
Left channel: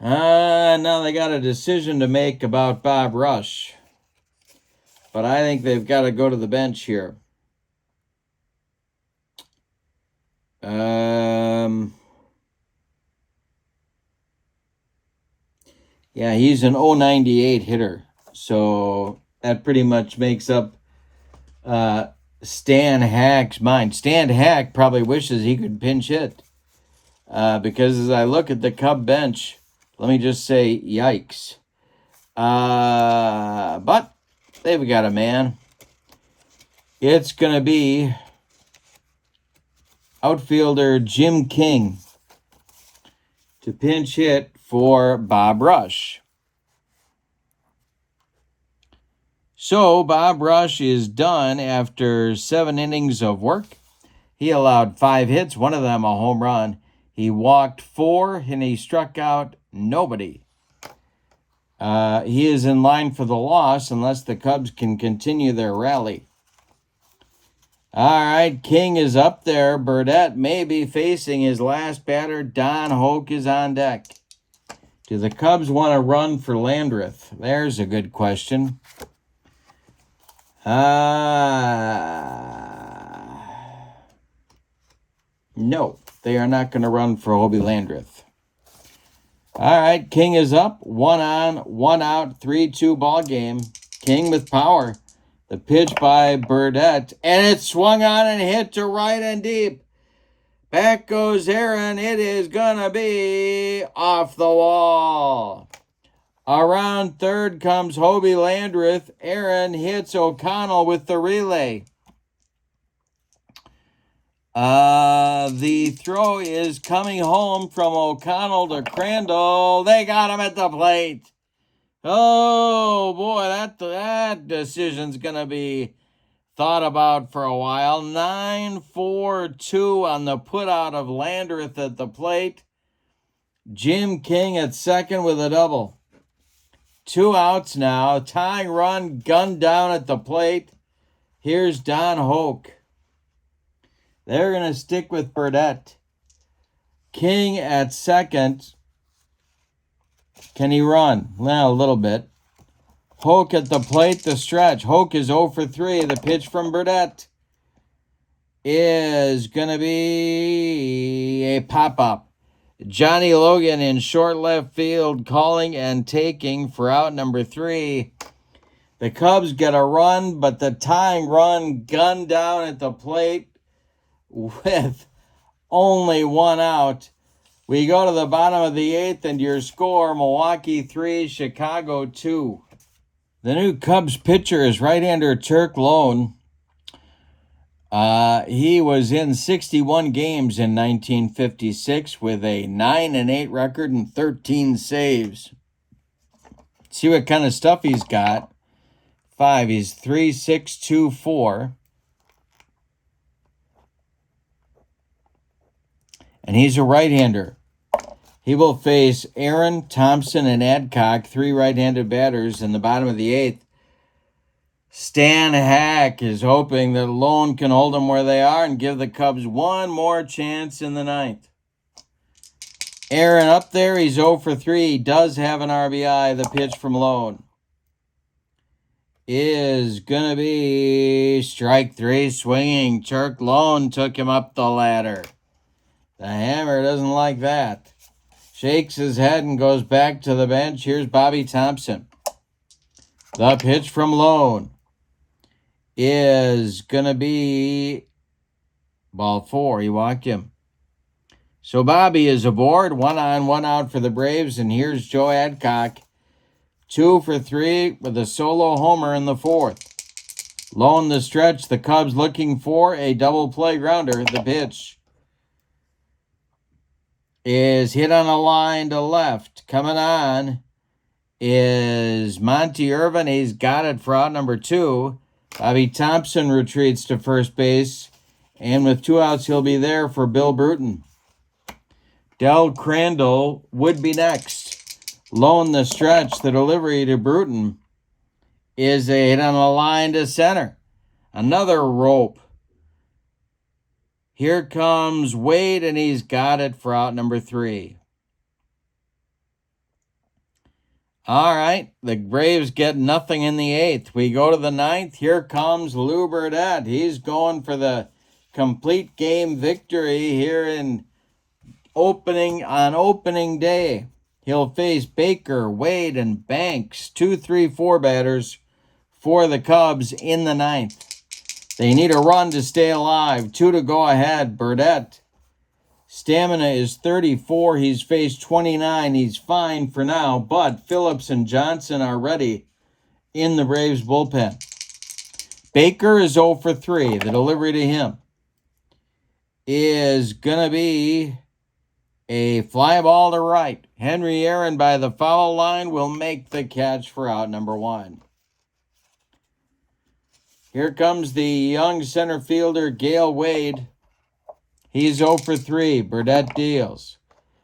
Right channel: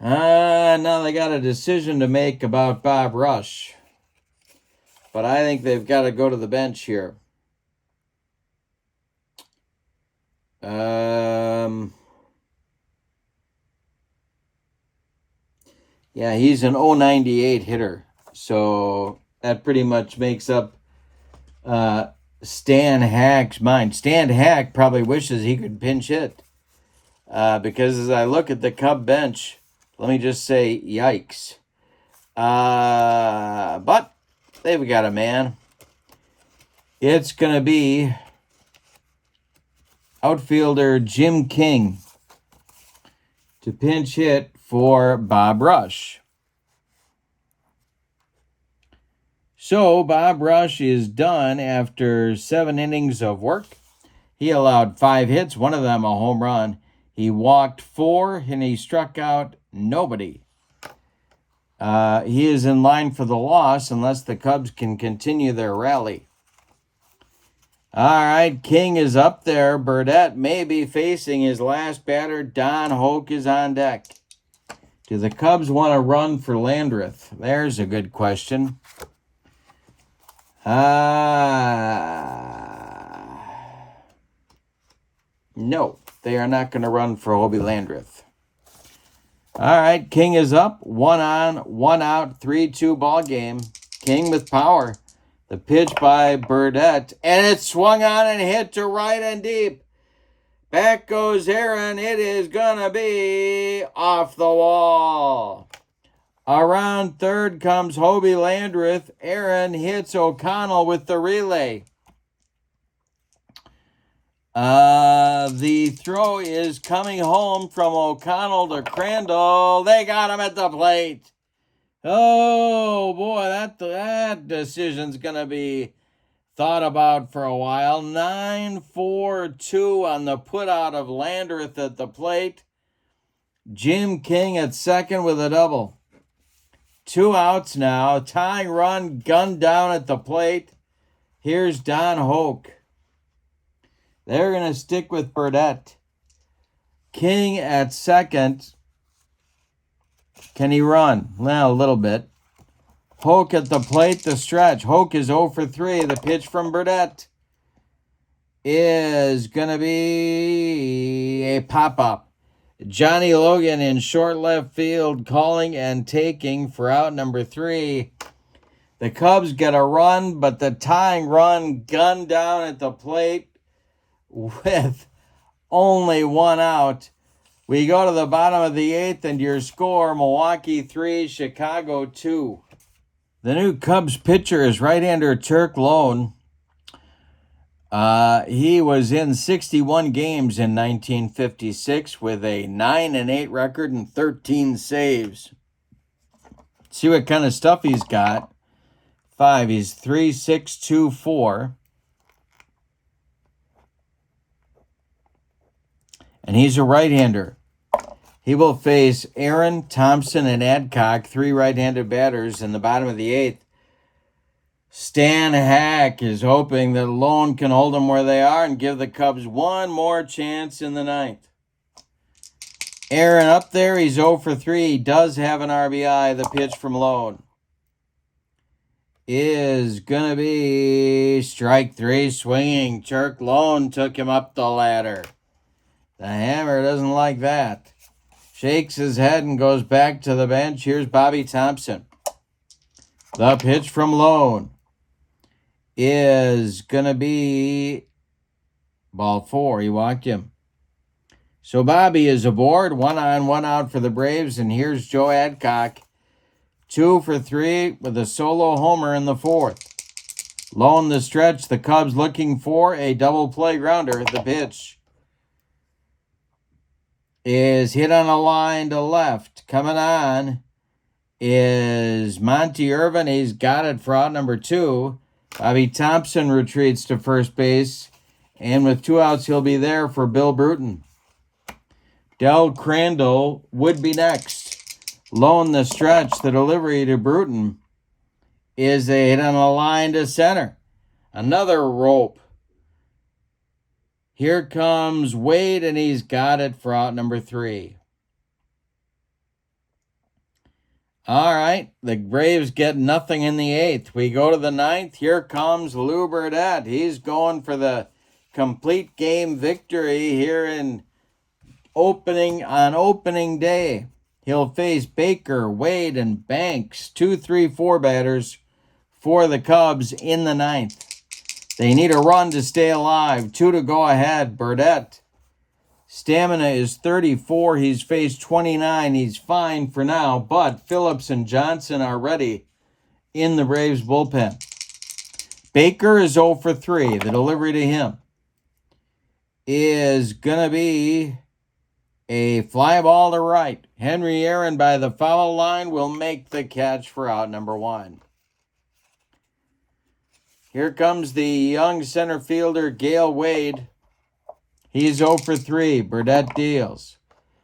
Now they got a decision to make about Bob Rush. But I think they've got to go to the bench here. Yeah, he's an 098 hitter. So that pretty much makes up Stan Hack's mind. Stan Hack probably wishes he could pinch hit. Because as I look at the Cub bench, let me just say, yikes. But they've got a man. It's going to be outfielder Jim King to pinch hit for Bob Rush. So Bob Rush is done after 7 innings of work. He allowed 5 hits, one of them a home run. He walked 4 and he struck out nobody. He is in line for the loss unless the Cubs can continue their rally. All right, King is up there. Burdette may be facing his last batter. Don Hoke is on deck. Do the Cubs want to run for Landreth? There's a good question. No, they are not going to run for Hobie Landreth. All right, King is up. 1 on, 1 out, 3-2 ball game. King with power. The pitch by Burdette, and it swung on and hit to right and deep. Back goes Aaron. It is going to be off the wall. Around third comes Hobie Landreth. Aaron hits O'Connell with the relay. The throw is coming home from O'Connell to Crandall. They got him at the plate. Oh, boy, that decision's going to be thought about for a while. 9-4-2 on the putout of Landreth at the plate. Jim King at second with a double. 2 outs now. Tying run, gunned down at the plate. Here's Don Hoke. They're going to stick with Burdette. King at second. Can he run? Well, a little bit. Hoke at the plate, the stretch. Hoke is 0 for 3. The pitch from Burdette is going to be a pop-up. Johnny Logan in short left field calling and taking for out number 3. The Cubs get a run, but the tying run gunned down at the plate with only one out. We go to the bottom of the 8th, and your score, Milwaukee 3, Chicago 2. The new Cubs pitcher is right-hander Turk Lone. He was in 61 games in 1956 with a 9-8 record and 13 saves. See what kind of stuff he's got. 5, he's 3.624. And he's a right-hander. He will face Aaron, Thompson, and Adcock, 3 right-handed batters in the bottom of the 8th. Stan Hack is hoping that Lone can hold them where they are and give the Cubs one more chance in the 9th. Aaron up there, he's 0 for 3. He does have an RBI. The pitch from Lone is going to be strike 3 swinging. Turk Lone took him up the ladder. The hammer doesn't like that. Shakes his head and goes back to the bench. Here's Bobby Thompson. The pitch from Lone is going to be ball 4. He walked him. So Bobby is aboard. 1 on, 1 out for the Braves. And here's Joe Adcock. 2 for 3 with a solo homer in the 4th. Lone the stretch. The Cubs looking for a double play grounder. The pitch is hit on a line to left. Coming on is Monty Irvin. He's got it for out number 2. Bobby Thompson retreats to first base. And with 2 outs, he'll be there for Bill Bruton. Del Crandall would be next. Lone the stretch. The delivery to Bruton is a hit on a line to center. Another rope. Here comes Wade, and he's got it for out number 3. All right, the Braves get nothing in the 8th. We go to the 9th. Here comes Lou Burdette. He's going for the complete game victory here on opening day. He'll face Baker, Wade, and Banks, 2, 3, 4 batters for the Cubs in the 9th. They need a run to stay alive. 2 to go ahead. Burdette. Stamina is 34. He's faced 29. He's fine for now, but Phillips and Johnson are ready in the Braves bullpen. Baker is 0 for 3. The delivery to him is going to be a fly ball to right. Henry Aaron by the foul line will make the catch for out number 1. Here comes the young center fielder, Gale Wade. He's 0 for 3. Burdette deals.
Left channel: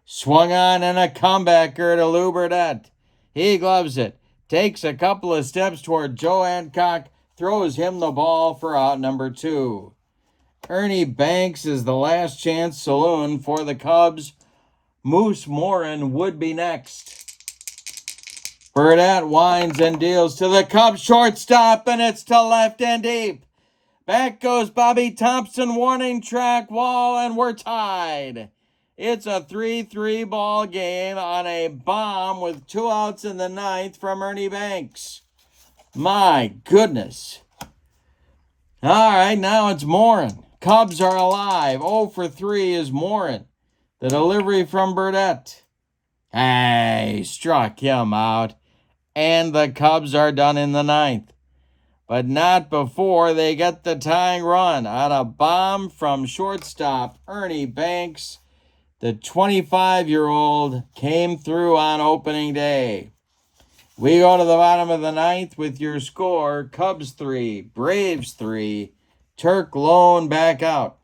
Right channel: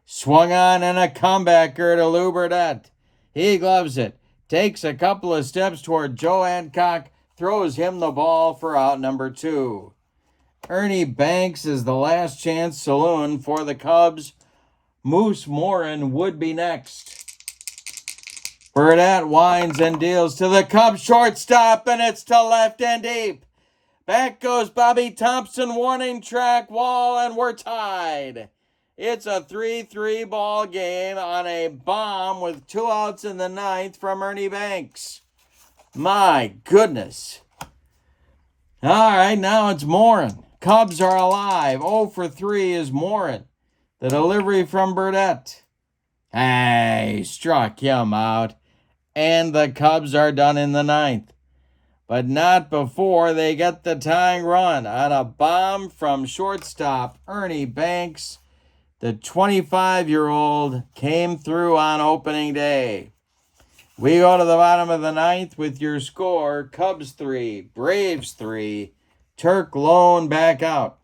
Swung on and a comebacker to Lou Burdette. He gloves it. Takes a couple of steps toward Joe Adcock. Throws him the ball for out number 2. Ernie Banks is the last chance saloon for the Cubs. Moose Morin would be next. Burdette winds and deals to the Cubs shortstop, and it's to left and deep. Back goes Bobby Thompson, warning track wall, and we're tied. It's a 3-3 ball game on a bomb with 2 outs in the 9th from Ernie Banks. My goodness. All right, now it's Morin. Cubs are alive. 0 for 3 is Morin. The delivery from Burdette. Hey, struck him out. And the Cubs are done in the 9th. But not before they get the tying run on a bomb from shortstop Ernie Banks. The 25-year-old came through on opening day. We go to the bottom of the 9th with your score. Cubs 3, Braves 3, Turk Lone back out.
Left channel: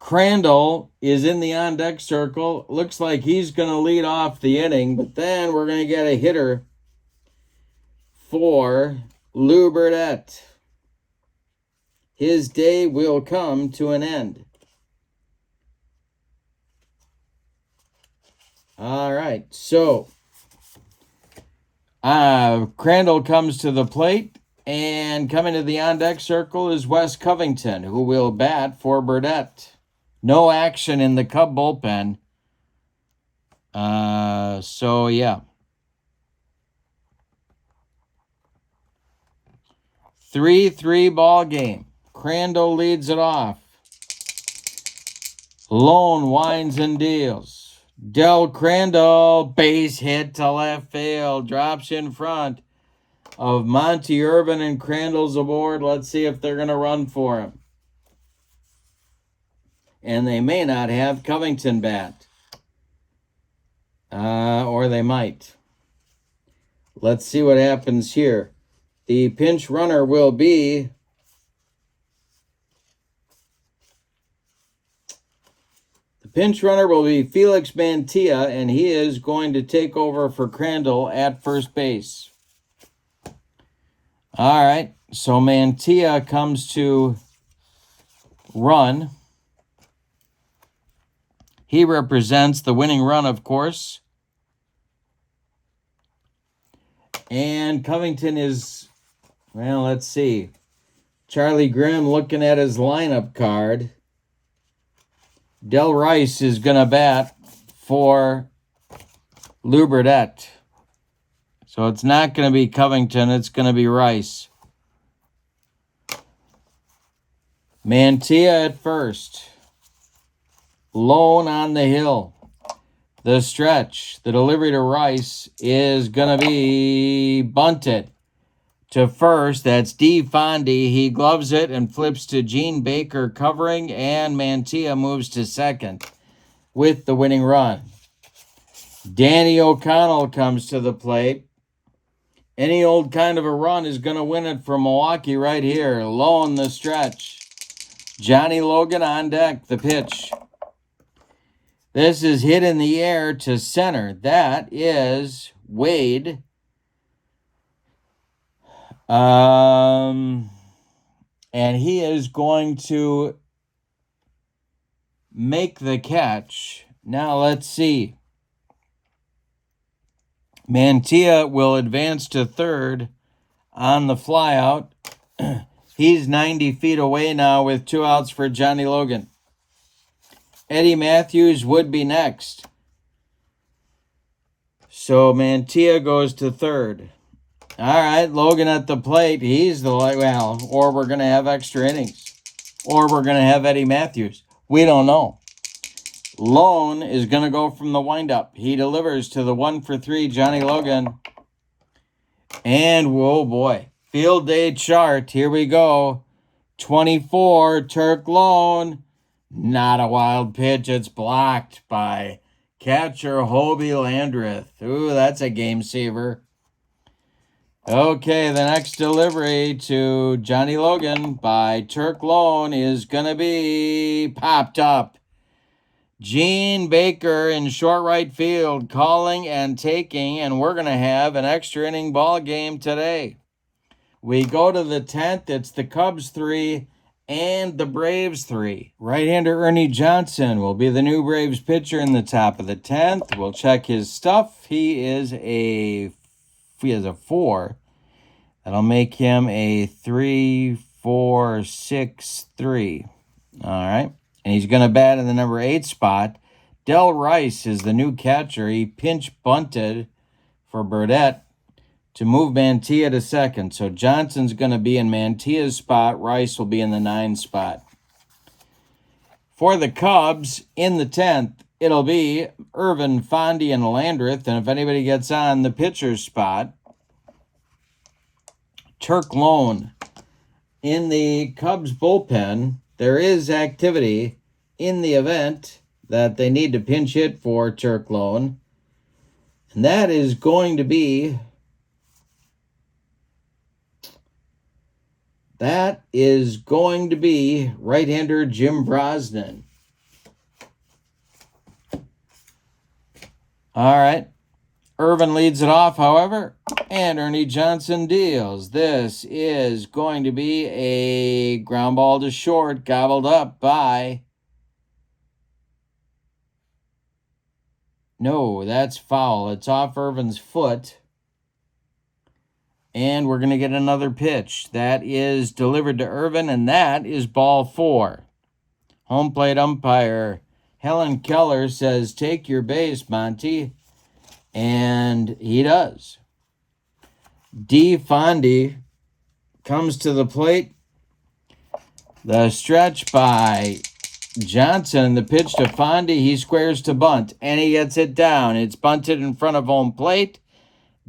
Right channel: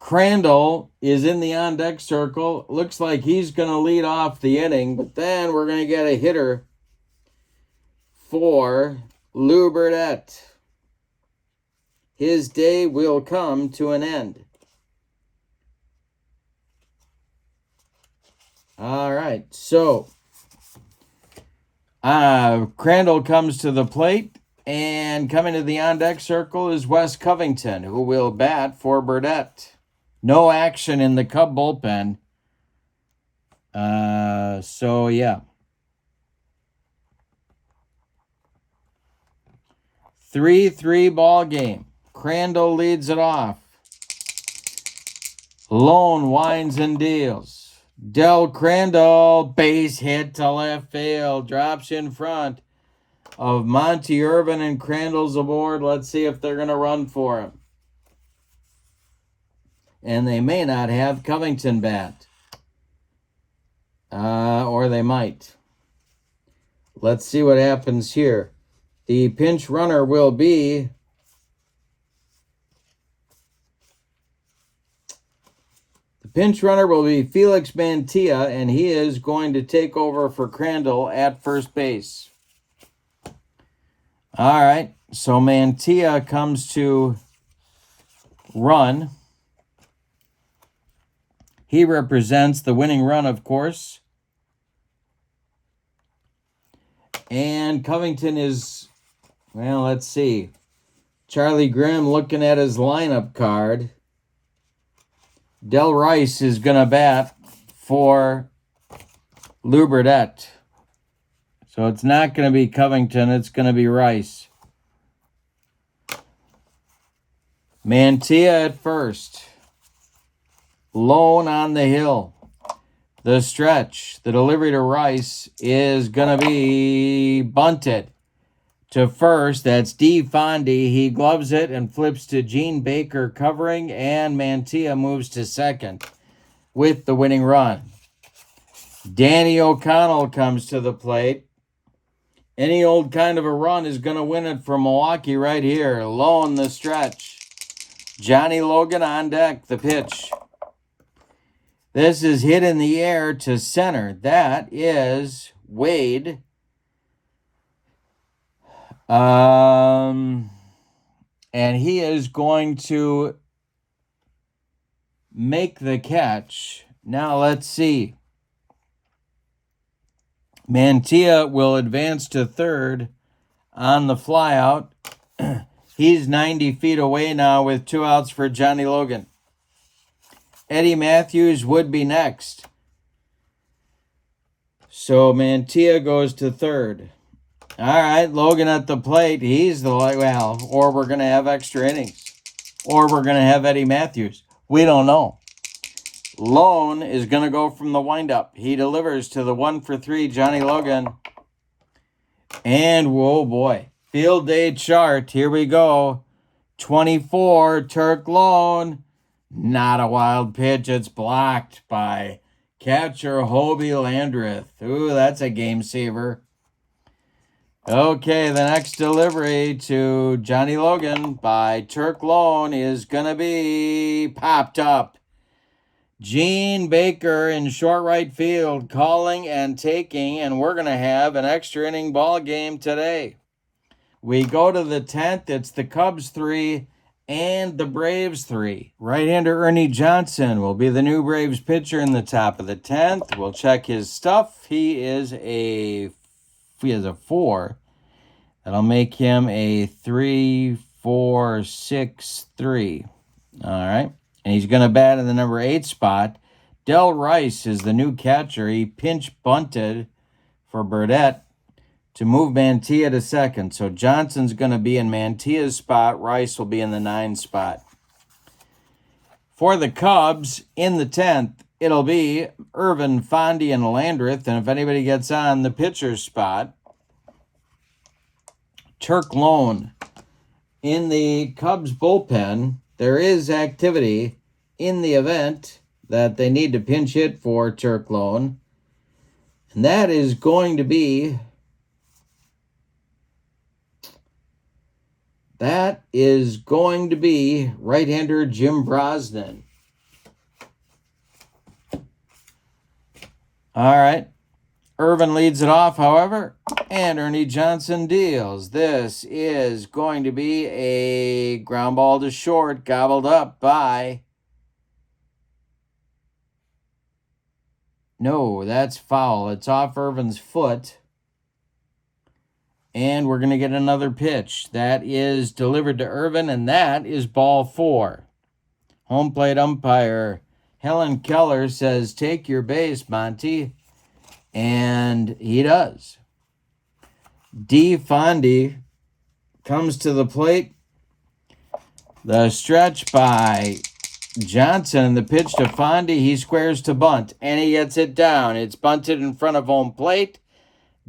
Crandall is in the on-deck circle. Looks like he's going to lead off the inning, but then we're going to get a hitter for Lou Burdette. His day will come to an end. All right, so Crandall comes to the plate, and coming to the on-deck circle is Wes Covington, who will bat for Burdette. No action in the Cub bullpen. So, yeah. 3-3 ball game. Crandall leads it off. Lone winds and deals. Del Crandall, base hit to left field. Drops in front of Monty Irvin, and Crandall's aboard. Let's see if they're going to run for him. And they may not have Covington bat. Or they might. Let's see what happens here. The pinch runner will be Felix Mantilla, and he is going to take over for Crandall at first base. All right, so Mantilla comes to run. He represents the winning run, of course. And Covington is, well, let's see. Charlie Grimm looking at his lineup card. Del Rice is going to bat for Lou Burdette. So it's not going to be Covington, it's going to be Rice. Mantilla at first. Lone on the hill. The stretch, the delivery to Rice is going to be bunted to first. That's D. Fondy. He gloves it and flips to Gene Baker covering, and Mantilla moves to second with the winning run. Danny O'Connell comes to the plate. Any old kind of a run is going to win it for Milwaukee right here. Lone the stretch. Johnny Logan on deck, the pitch. This is hit in the air to center. That is Wade. And he is going to make the catch. Now let's see. Mantilla will advance to third on the flyout. He's 90 feet away now with 2 outs for Johnny Logan. Eddie Matthews would be next. So Mantilla goes to third. All right, Logan at the plate. He's the, well, or we're going to have extra innings. Or we're going to have Eddie Matthews. We don't know. Lone is going to go from the windup. He delivers to the 1-for-3 Johnny Logan. And, whoa, boy. Field day chart. Here we go. 24, Turk Lone. Not a wild pitch. It's blocked by catcher Hobie Landreth. Ooh, that's a game saver. Okay, the next delivery to Johnny Logan by Turk Lone is going to be popped up. Gene Baker in short right field calling and taking, and we're going to have an extra inning ball game today. We go to the 10th. It's the Cubs 3 and the Braves 3. Right-hander Ernie Johnson will be the new Braves pitcher in the top of the 10th. We'll check his stuff. He has a 4. That'll make him a 3-4-6-3. All right. And he's going to bat in the number 8 spot. Del Rice is the new catcher. He pinch bunted for Burdette to move Mantilla to second. So Johnson's going to be in Mantilla's spot. Rice will be in the 9 spot. For the Cubs, in the 10th, it'll be Irvin, Fondy, and Landreth. And if anybody gets on the pitcher's spot, Turk Lone. In the Cubs bullpen, there is activity in the event that they need to pinch hit for Turk Lone. And that is going to be right-hander Jim Brosnan. All right. Irvin leads it off, however, and Ernie Johnson deals. This is going to be a ground ball to short, gobbled up by... No, that's foul. It's off Irvin's foot. And we're going to get another pitch. That is delivered to Irvin, and that is ball 4. Home plate umpire Helen Keller says, "Take your base, Monty." And he does. D. Fondy comes to the plate. The stretch by Johnson, the pitch to Fondy. He squares to bunt, and he gets it down. It's bunted in front of home plate.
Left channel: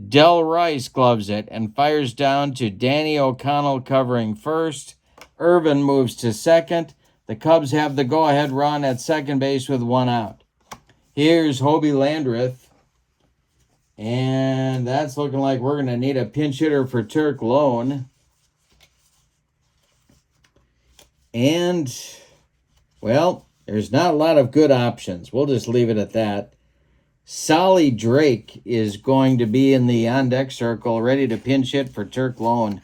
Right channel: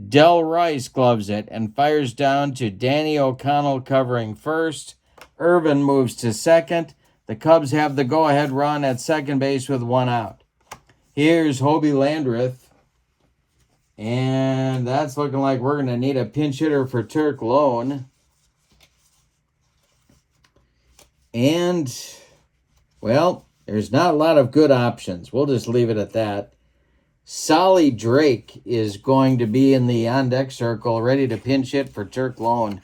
Del Rice gloves it and fires down to Danny O'Connell covering first. Irvin moves to second. The Cubs have the go-ahead run at second base with one out. Here's Hobie Landreth. And that's looking like we're going to need a pinch hitter for Turk Lone. And, well, there's not a lot of good options. We'll just leave it at that. Solly Drake is going to be in the on-deck circle, ready to pinch hit for Turk Lone.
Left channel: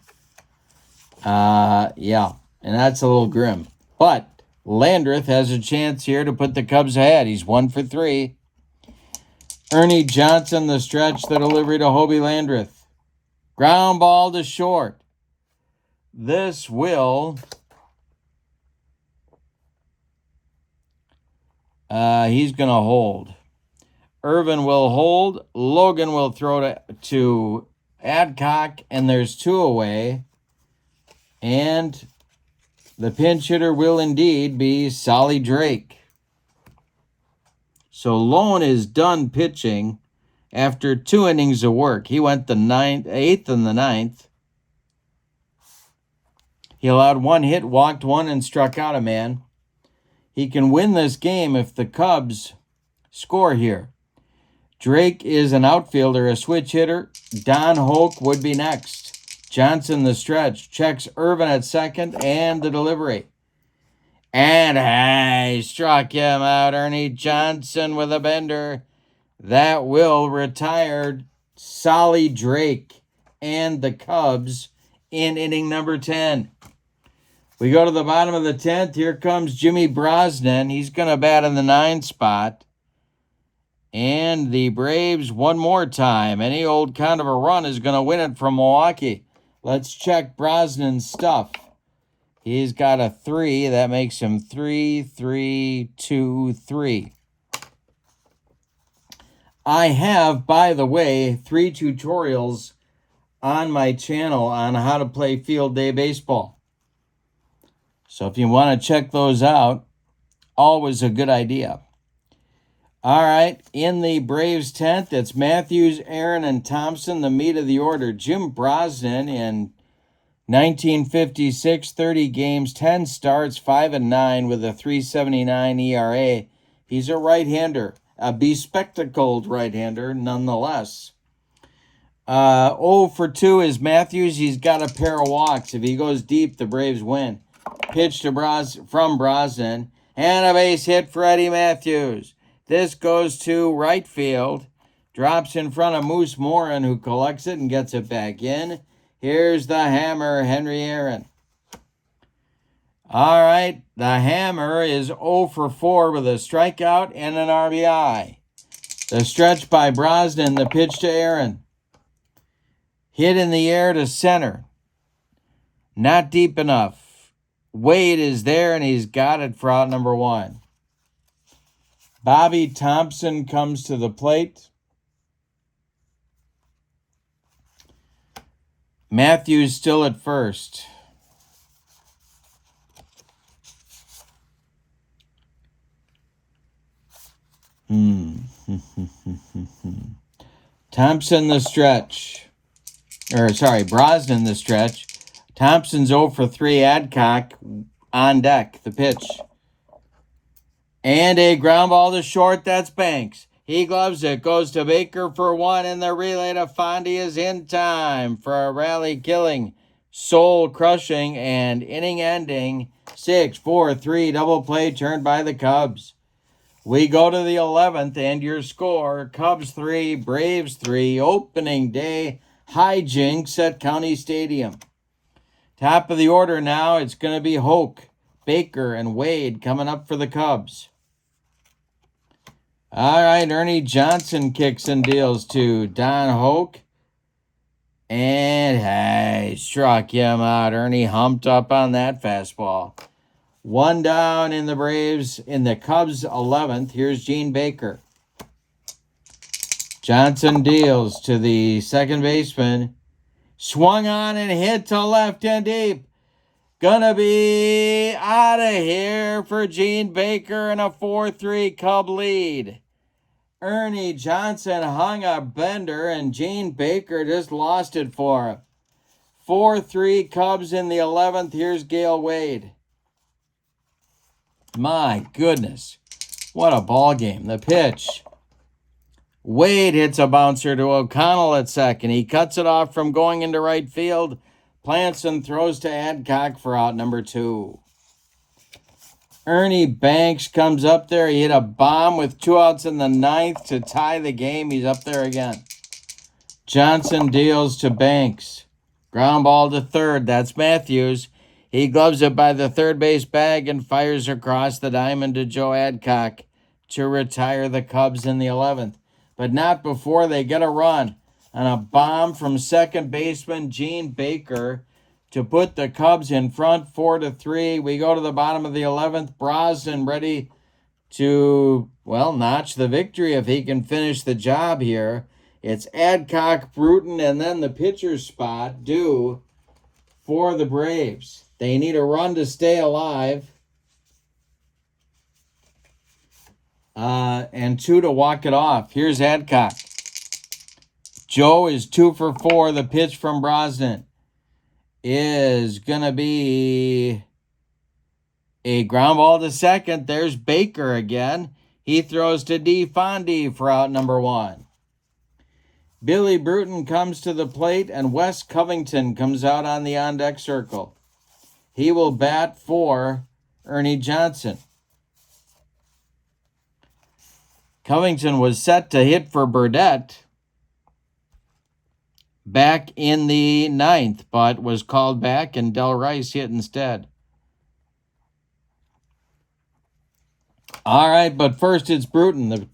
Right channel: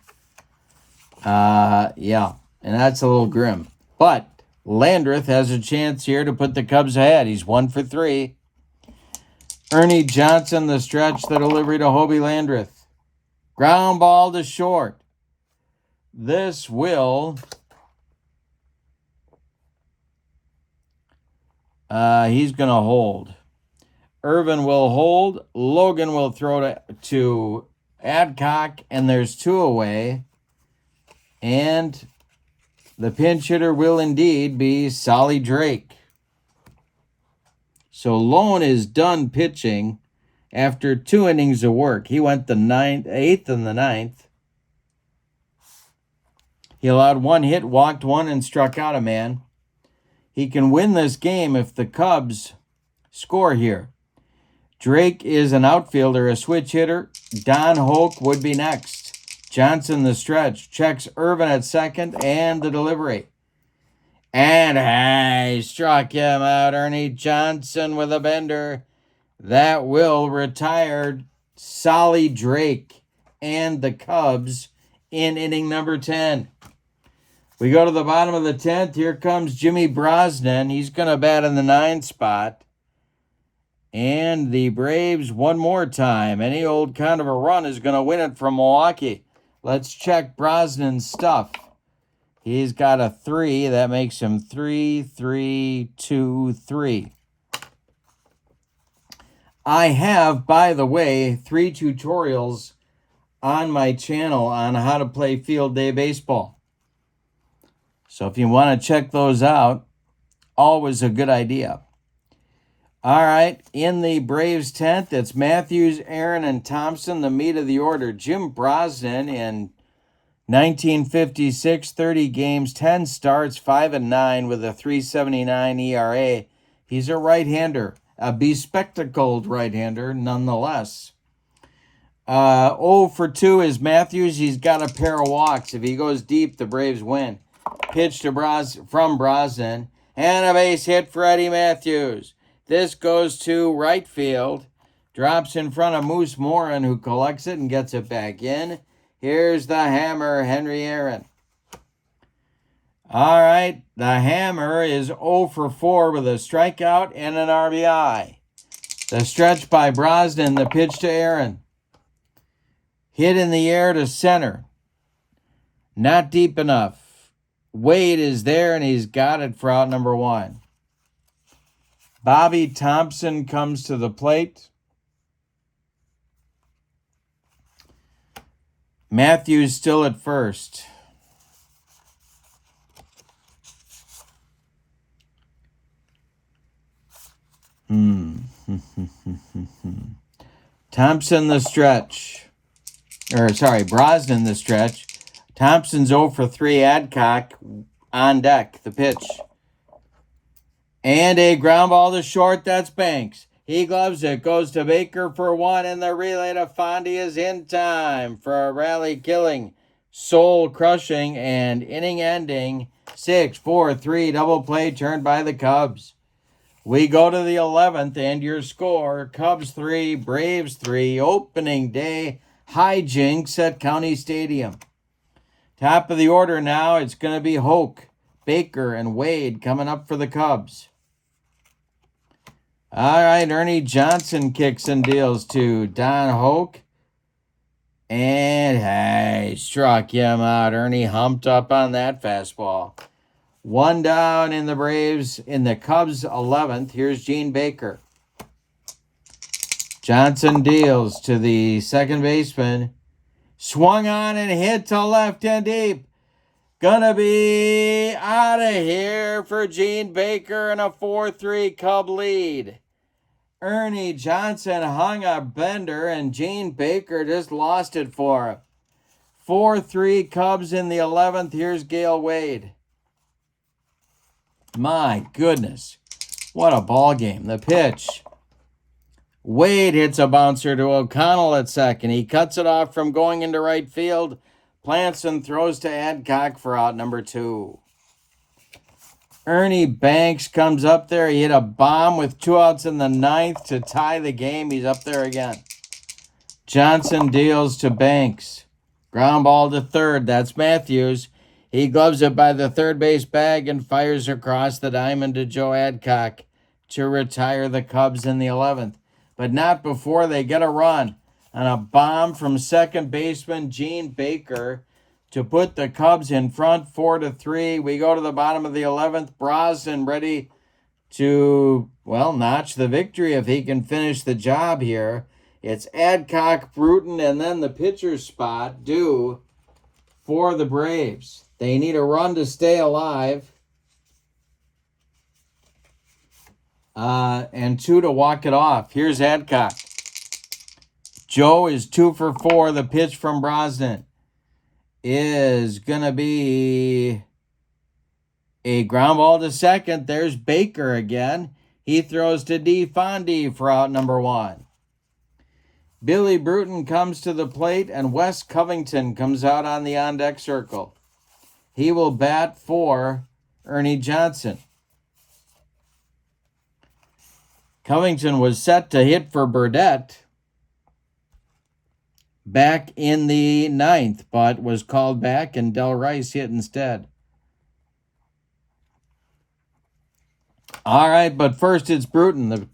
Yeah, and that's a little grim. But Landreth has a chance here to put the Cubs ahead. He's 1 for 3. Ernie Johnson, the stretch, the delivery to Hobie Landreth. Ground ball to short. This will... he's going to hold. Irvin will hold. Logan will throw to Adcock, and there's 2 away. And the pinch hitter will indeed be Solly Drake. So Lone is done pitching after 2 innings of work. He went the 8th and the 9th. He allowed 1 hit, walked 1, and struck out a man. He can win this game if the Cubs score here. Drake is an outfielder, a switch hitter. Don Hoke would be next. Johnson, the stretch, checks Irvin at second, and the delivery. And hey, struck him out. Ernie Johnson with a bender. That will retire Solly Drake and the Cubs in inning number 10. We go to the bottom of the 10th. Here comes Jimmy Brosnan. He's going to bat in the 9th spot. And the Braves, one more time. Any old kind of a run is going to win it from Milwaukee. Let's check Brosnan's stuff. He's got a 3. That makes him 3, 3, 2, 3. I have, by the way, 3 tutorials on my channel on how to play field day baseball. So if you want to check those out, always a good idea. All right, in the Braves 10th, it's Matthews, Aaron, and Thompson, the meat of the order. Jim Brosnan in 1956, 30 games, 10 starts, 5-9 with a 3.79 ERA. He's a right-hander, a bespectacled right-hander nonetheless. 0 for 2 is Matthews. He's got a pair of walks. If he goes deep, the Braves win. Pitch to from Brosnan, and a base hit for Eddie Matthews. This goes to right field, drops in front of Moose Morin, who collects it and gets it back in. Here's the hammer, Henry Aaron. All right, the hammer is 0 for 4 with a strikeout and an RBI. The stretch by Brosnan, the pitch to Aaron. Hit in the air to center. Not deep enough. Wade is there, and he's got it for out number 1. Bobby Thompson comes to the plate. Matthews still at first. Thompson the stretch. Brosnan the stretch. Thompson's 0 for 3. Adcock on deck. The pitch. And a ground ball to short. That's Banks. He gloves it. Goes to Baker for 1. And the relay to Fondy is in time for a rally-killing, soul-crushing, and inning-ending 6-4-3 double play turned by the Cubs. We go to the 11th, and your score, Cubs 3, Braves 3, opening day hijinks at County Stadium. Top of the order now, it's going to be Hoke, Baker, and Wade coming up for the Cubs. All right, Ernie Johnson kicks and deals to Don Hoke. And, hey, struck him out. Ernie humped up on that fastball. 1 down in the Braves, in the Cubs 11th. Here's Gene Baker. Johnson deals to the second baseman. Swung on and hit to left and deep. Gonna be out of here for Gene Baker in a 4-3 Cub lead. Ernie Johnson hung a bender and Gene Baker just lost it for him. 4-3 Cubs in the 11th. Here's Gail Wade. My goodness. What a ball game. The pitch. Wade hits a bouncer to O'Connell at second. He cuts it off from going into right field. Plants and throws to Adcock for out number 2. Ernie Banks comes up there. He hit a bomb with 2 outs in the 9th to tie the game. He's up there again. Johnson deals to Banks. Ground ball to third. That's Matthews. He gloves it by the third base bag and fires across the diamond to Joe Adcock to retire the Cubs in the 11th. But not before they get a run on a bomb from second baseman Gene Baker to put the Cubs in front 4-3. We go to the bottom of the 11th. Brosnan ready to, well, notch the victory if he can finish the job here. It's Adcock, Bruton, and then the pitcher's spot due for the Braves. They need a run to stay alive. And 2 to walk it off. Here's Adcock. Joe is 2 for 4. The pitch from Brosnan is going to be a ground ball to second. There's Baker again. He throws to DeFondi for out number 1. Billy Bruton comes to the plate, and Wes Covington comes out on the on-deck circle. He will bat for Ernie Johnson. Covington was set to hit for Burdette back in the 9th, but was called back, and Del Rice hit instead. All right, but first it's Bruton. The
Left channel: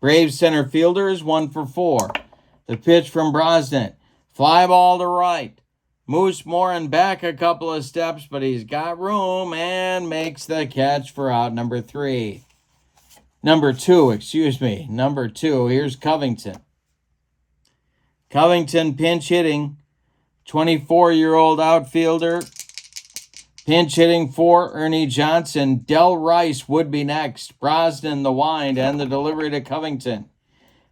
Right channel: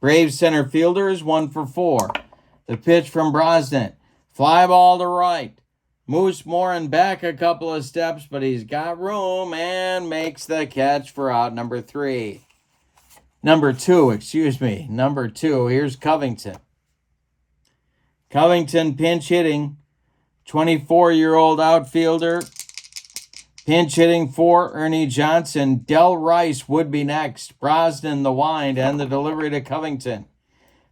Braves center fielder is 1 for 4. The pitch from Brosnan. Fly ball to right. Moose Morin back a couple of steps, but he's got room and makes the catch for out number 3. Number 2. Here's Covington. Covington pinch hitting. 24-year-old outfielder. Pinch hitting for Ernie Johnson. Del Rice would be next. Brosnan the wind and the delivery to Covington.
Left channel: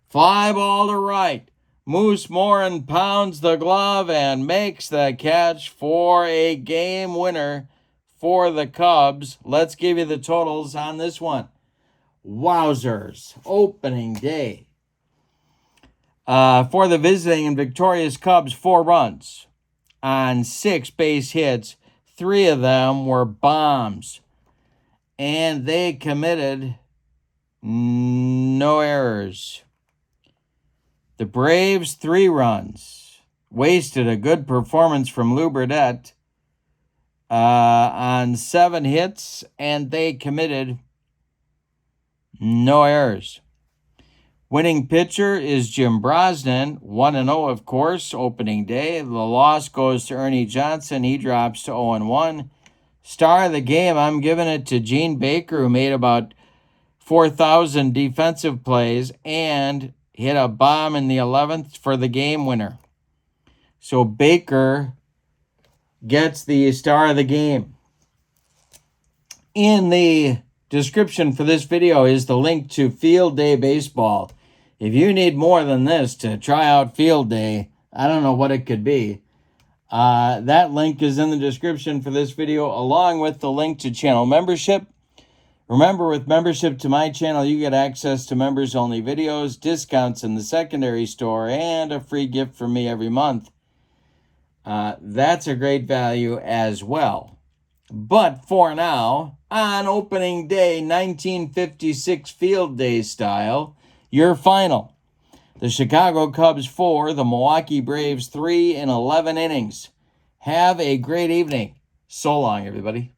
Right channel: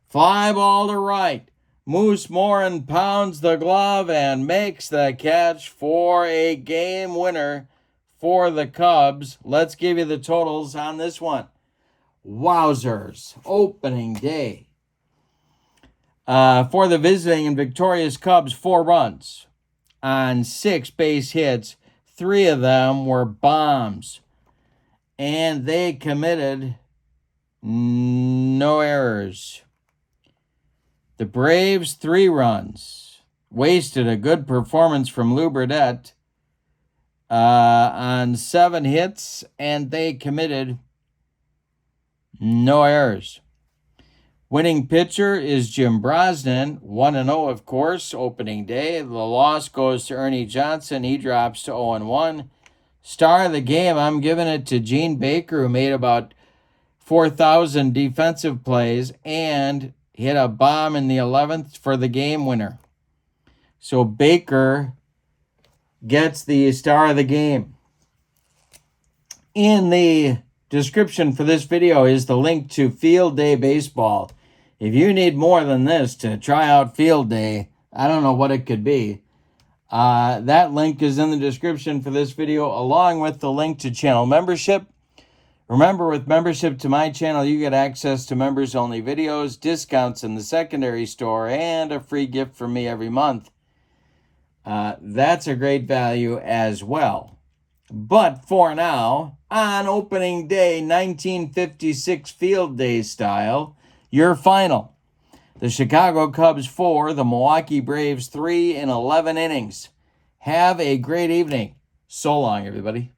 Fly ball to right. Moose Morin pounds the glove and makes the catch for a game winner for the Cubs. Let's give you the totals on this one. Wowzers. Opening day. For the visiting and victorious Cubs, 4 runs on 6 base hits. 3 of them were bombs. And they committed no errors. The Braves, 3 runs. Wasted a good performance from Lou Burdette on 7 hits, and they committed no errors. Winning pitcher is Jim Brosnan, 1-0, of course, opening day. The loss goes to Ernie Johnson. He drops to 0-1. Star of the game, I'm giving it to Gene Baker, who made about 4,000 defensive plays and hit a bomb in the 11th for the game winner. So Baker gets the star of the game. In the description for this video is the link to Field Day Baseball. If you need more than this to try out Field Day, I don't know what it could be. That link is in the description for this video, along with the link to channel membership. Remember, with membership to my channel, you get access to members-only videos, discounts in the secondary store, and a free gift from me every month. That's a great value as well. But for now, on opening day 1956 Field Day style, your final. The Chicago Cubs 4, the Milwaukee Braves 3 in 11 innings. Have a great evening. So long, everybody.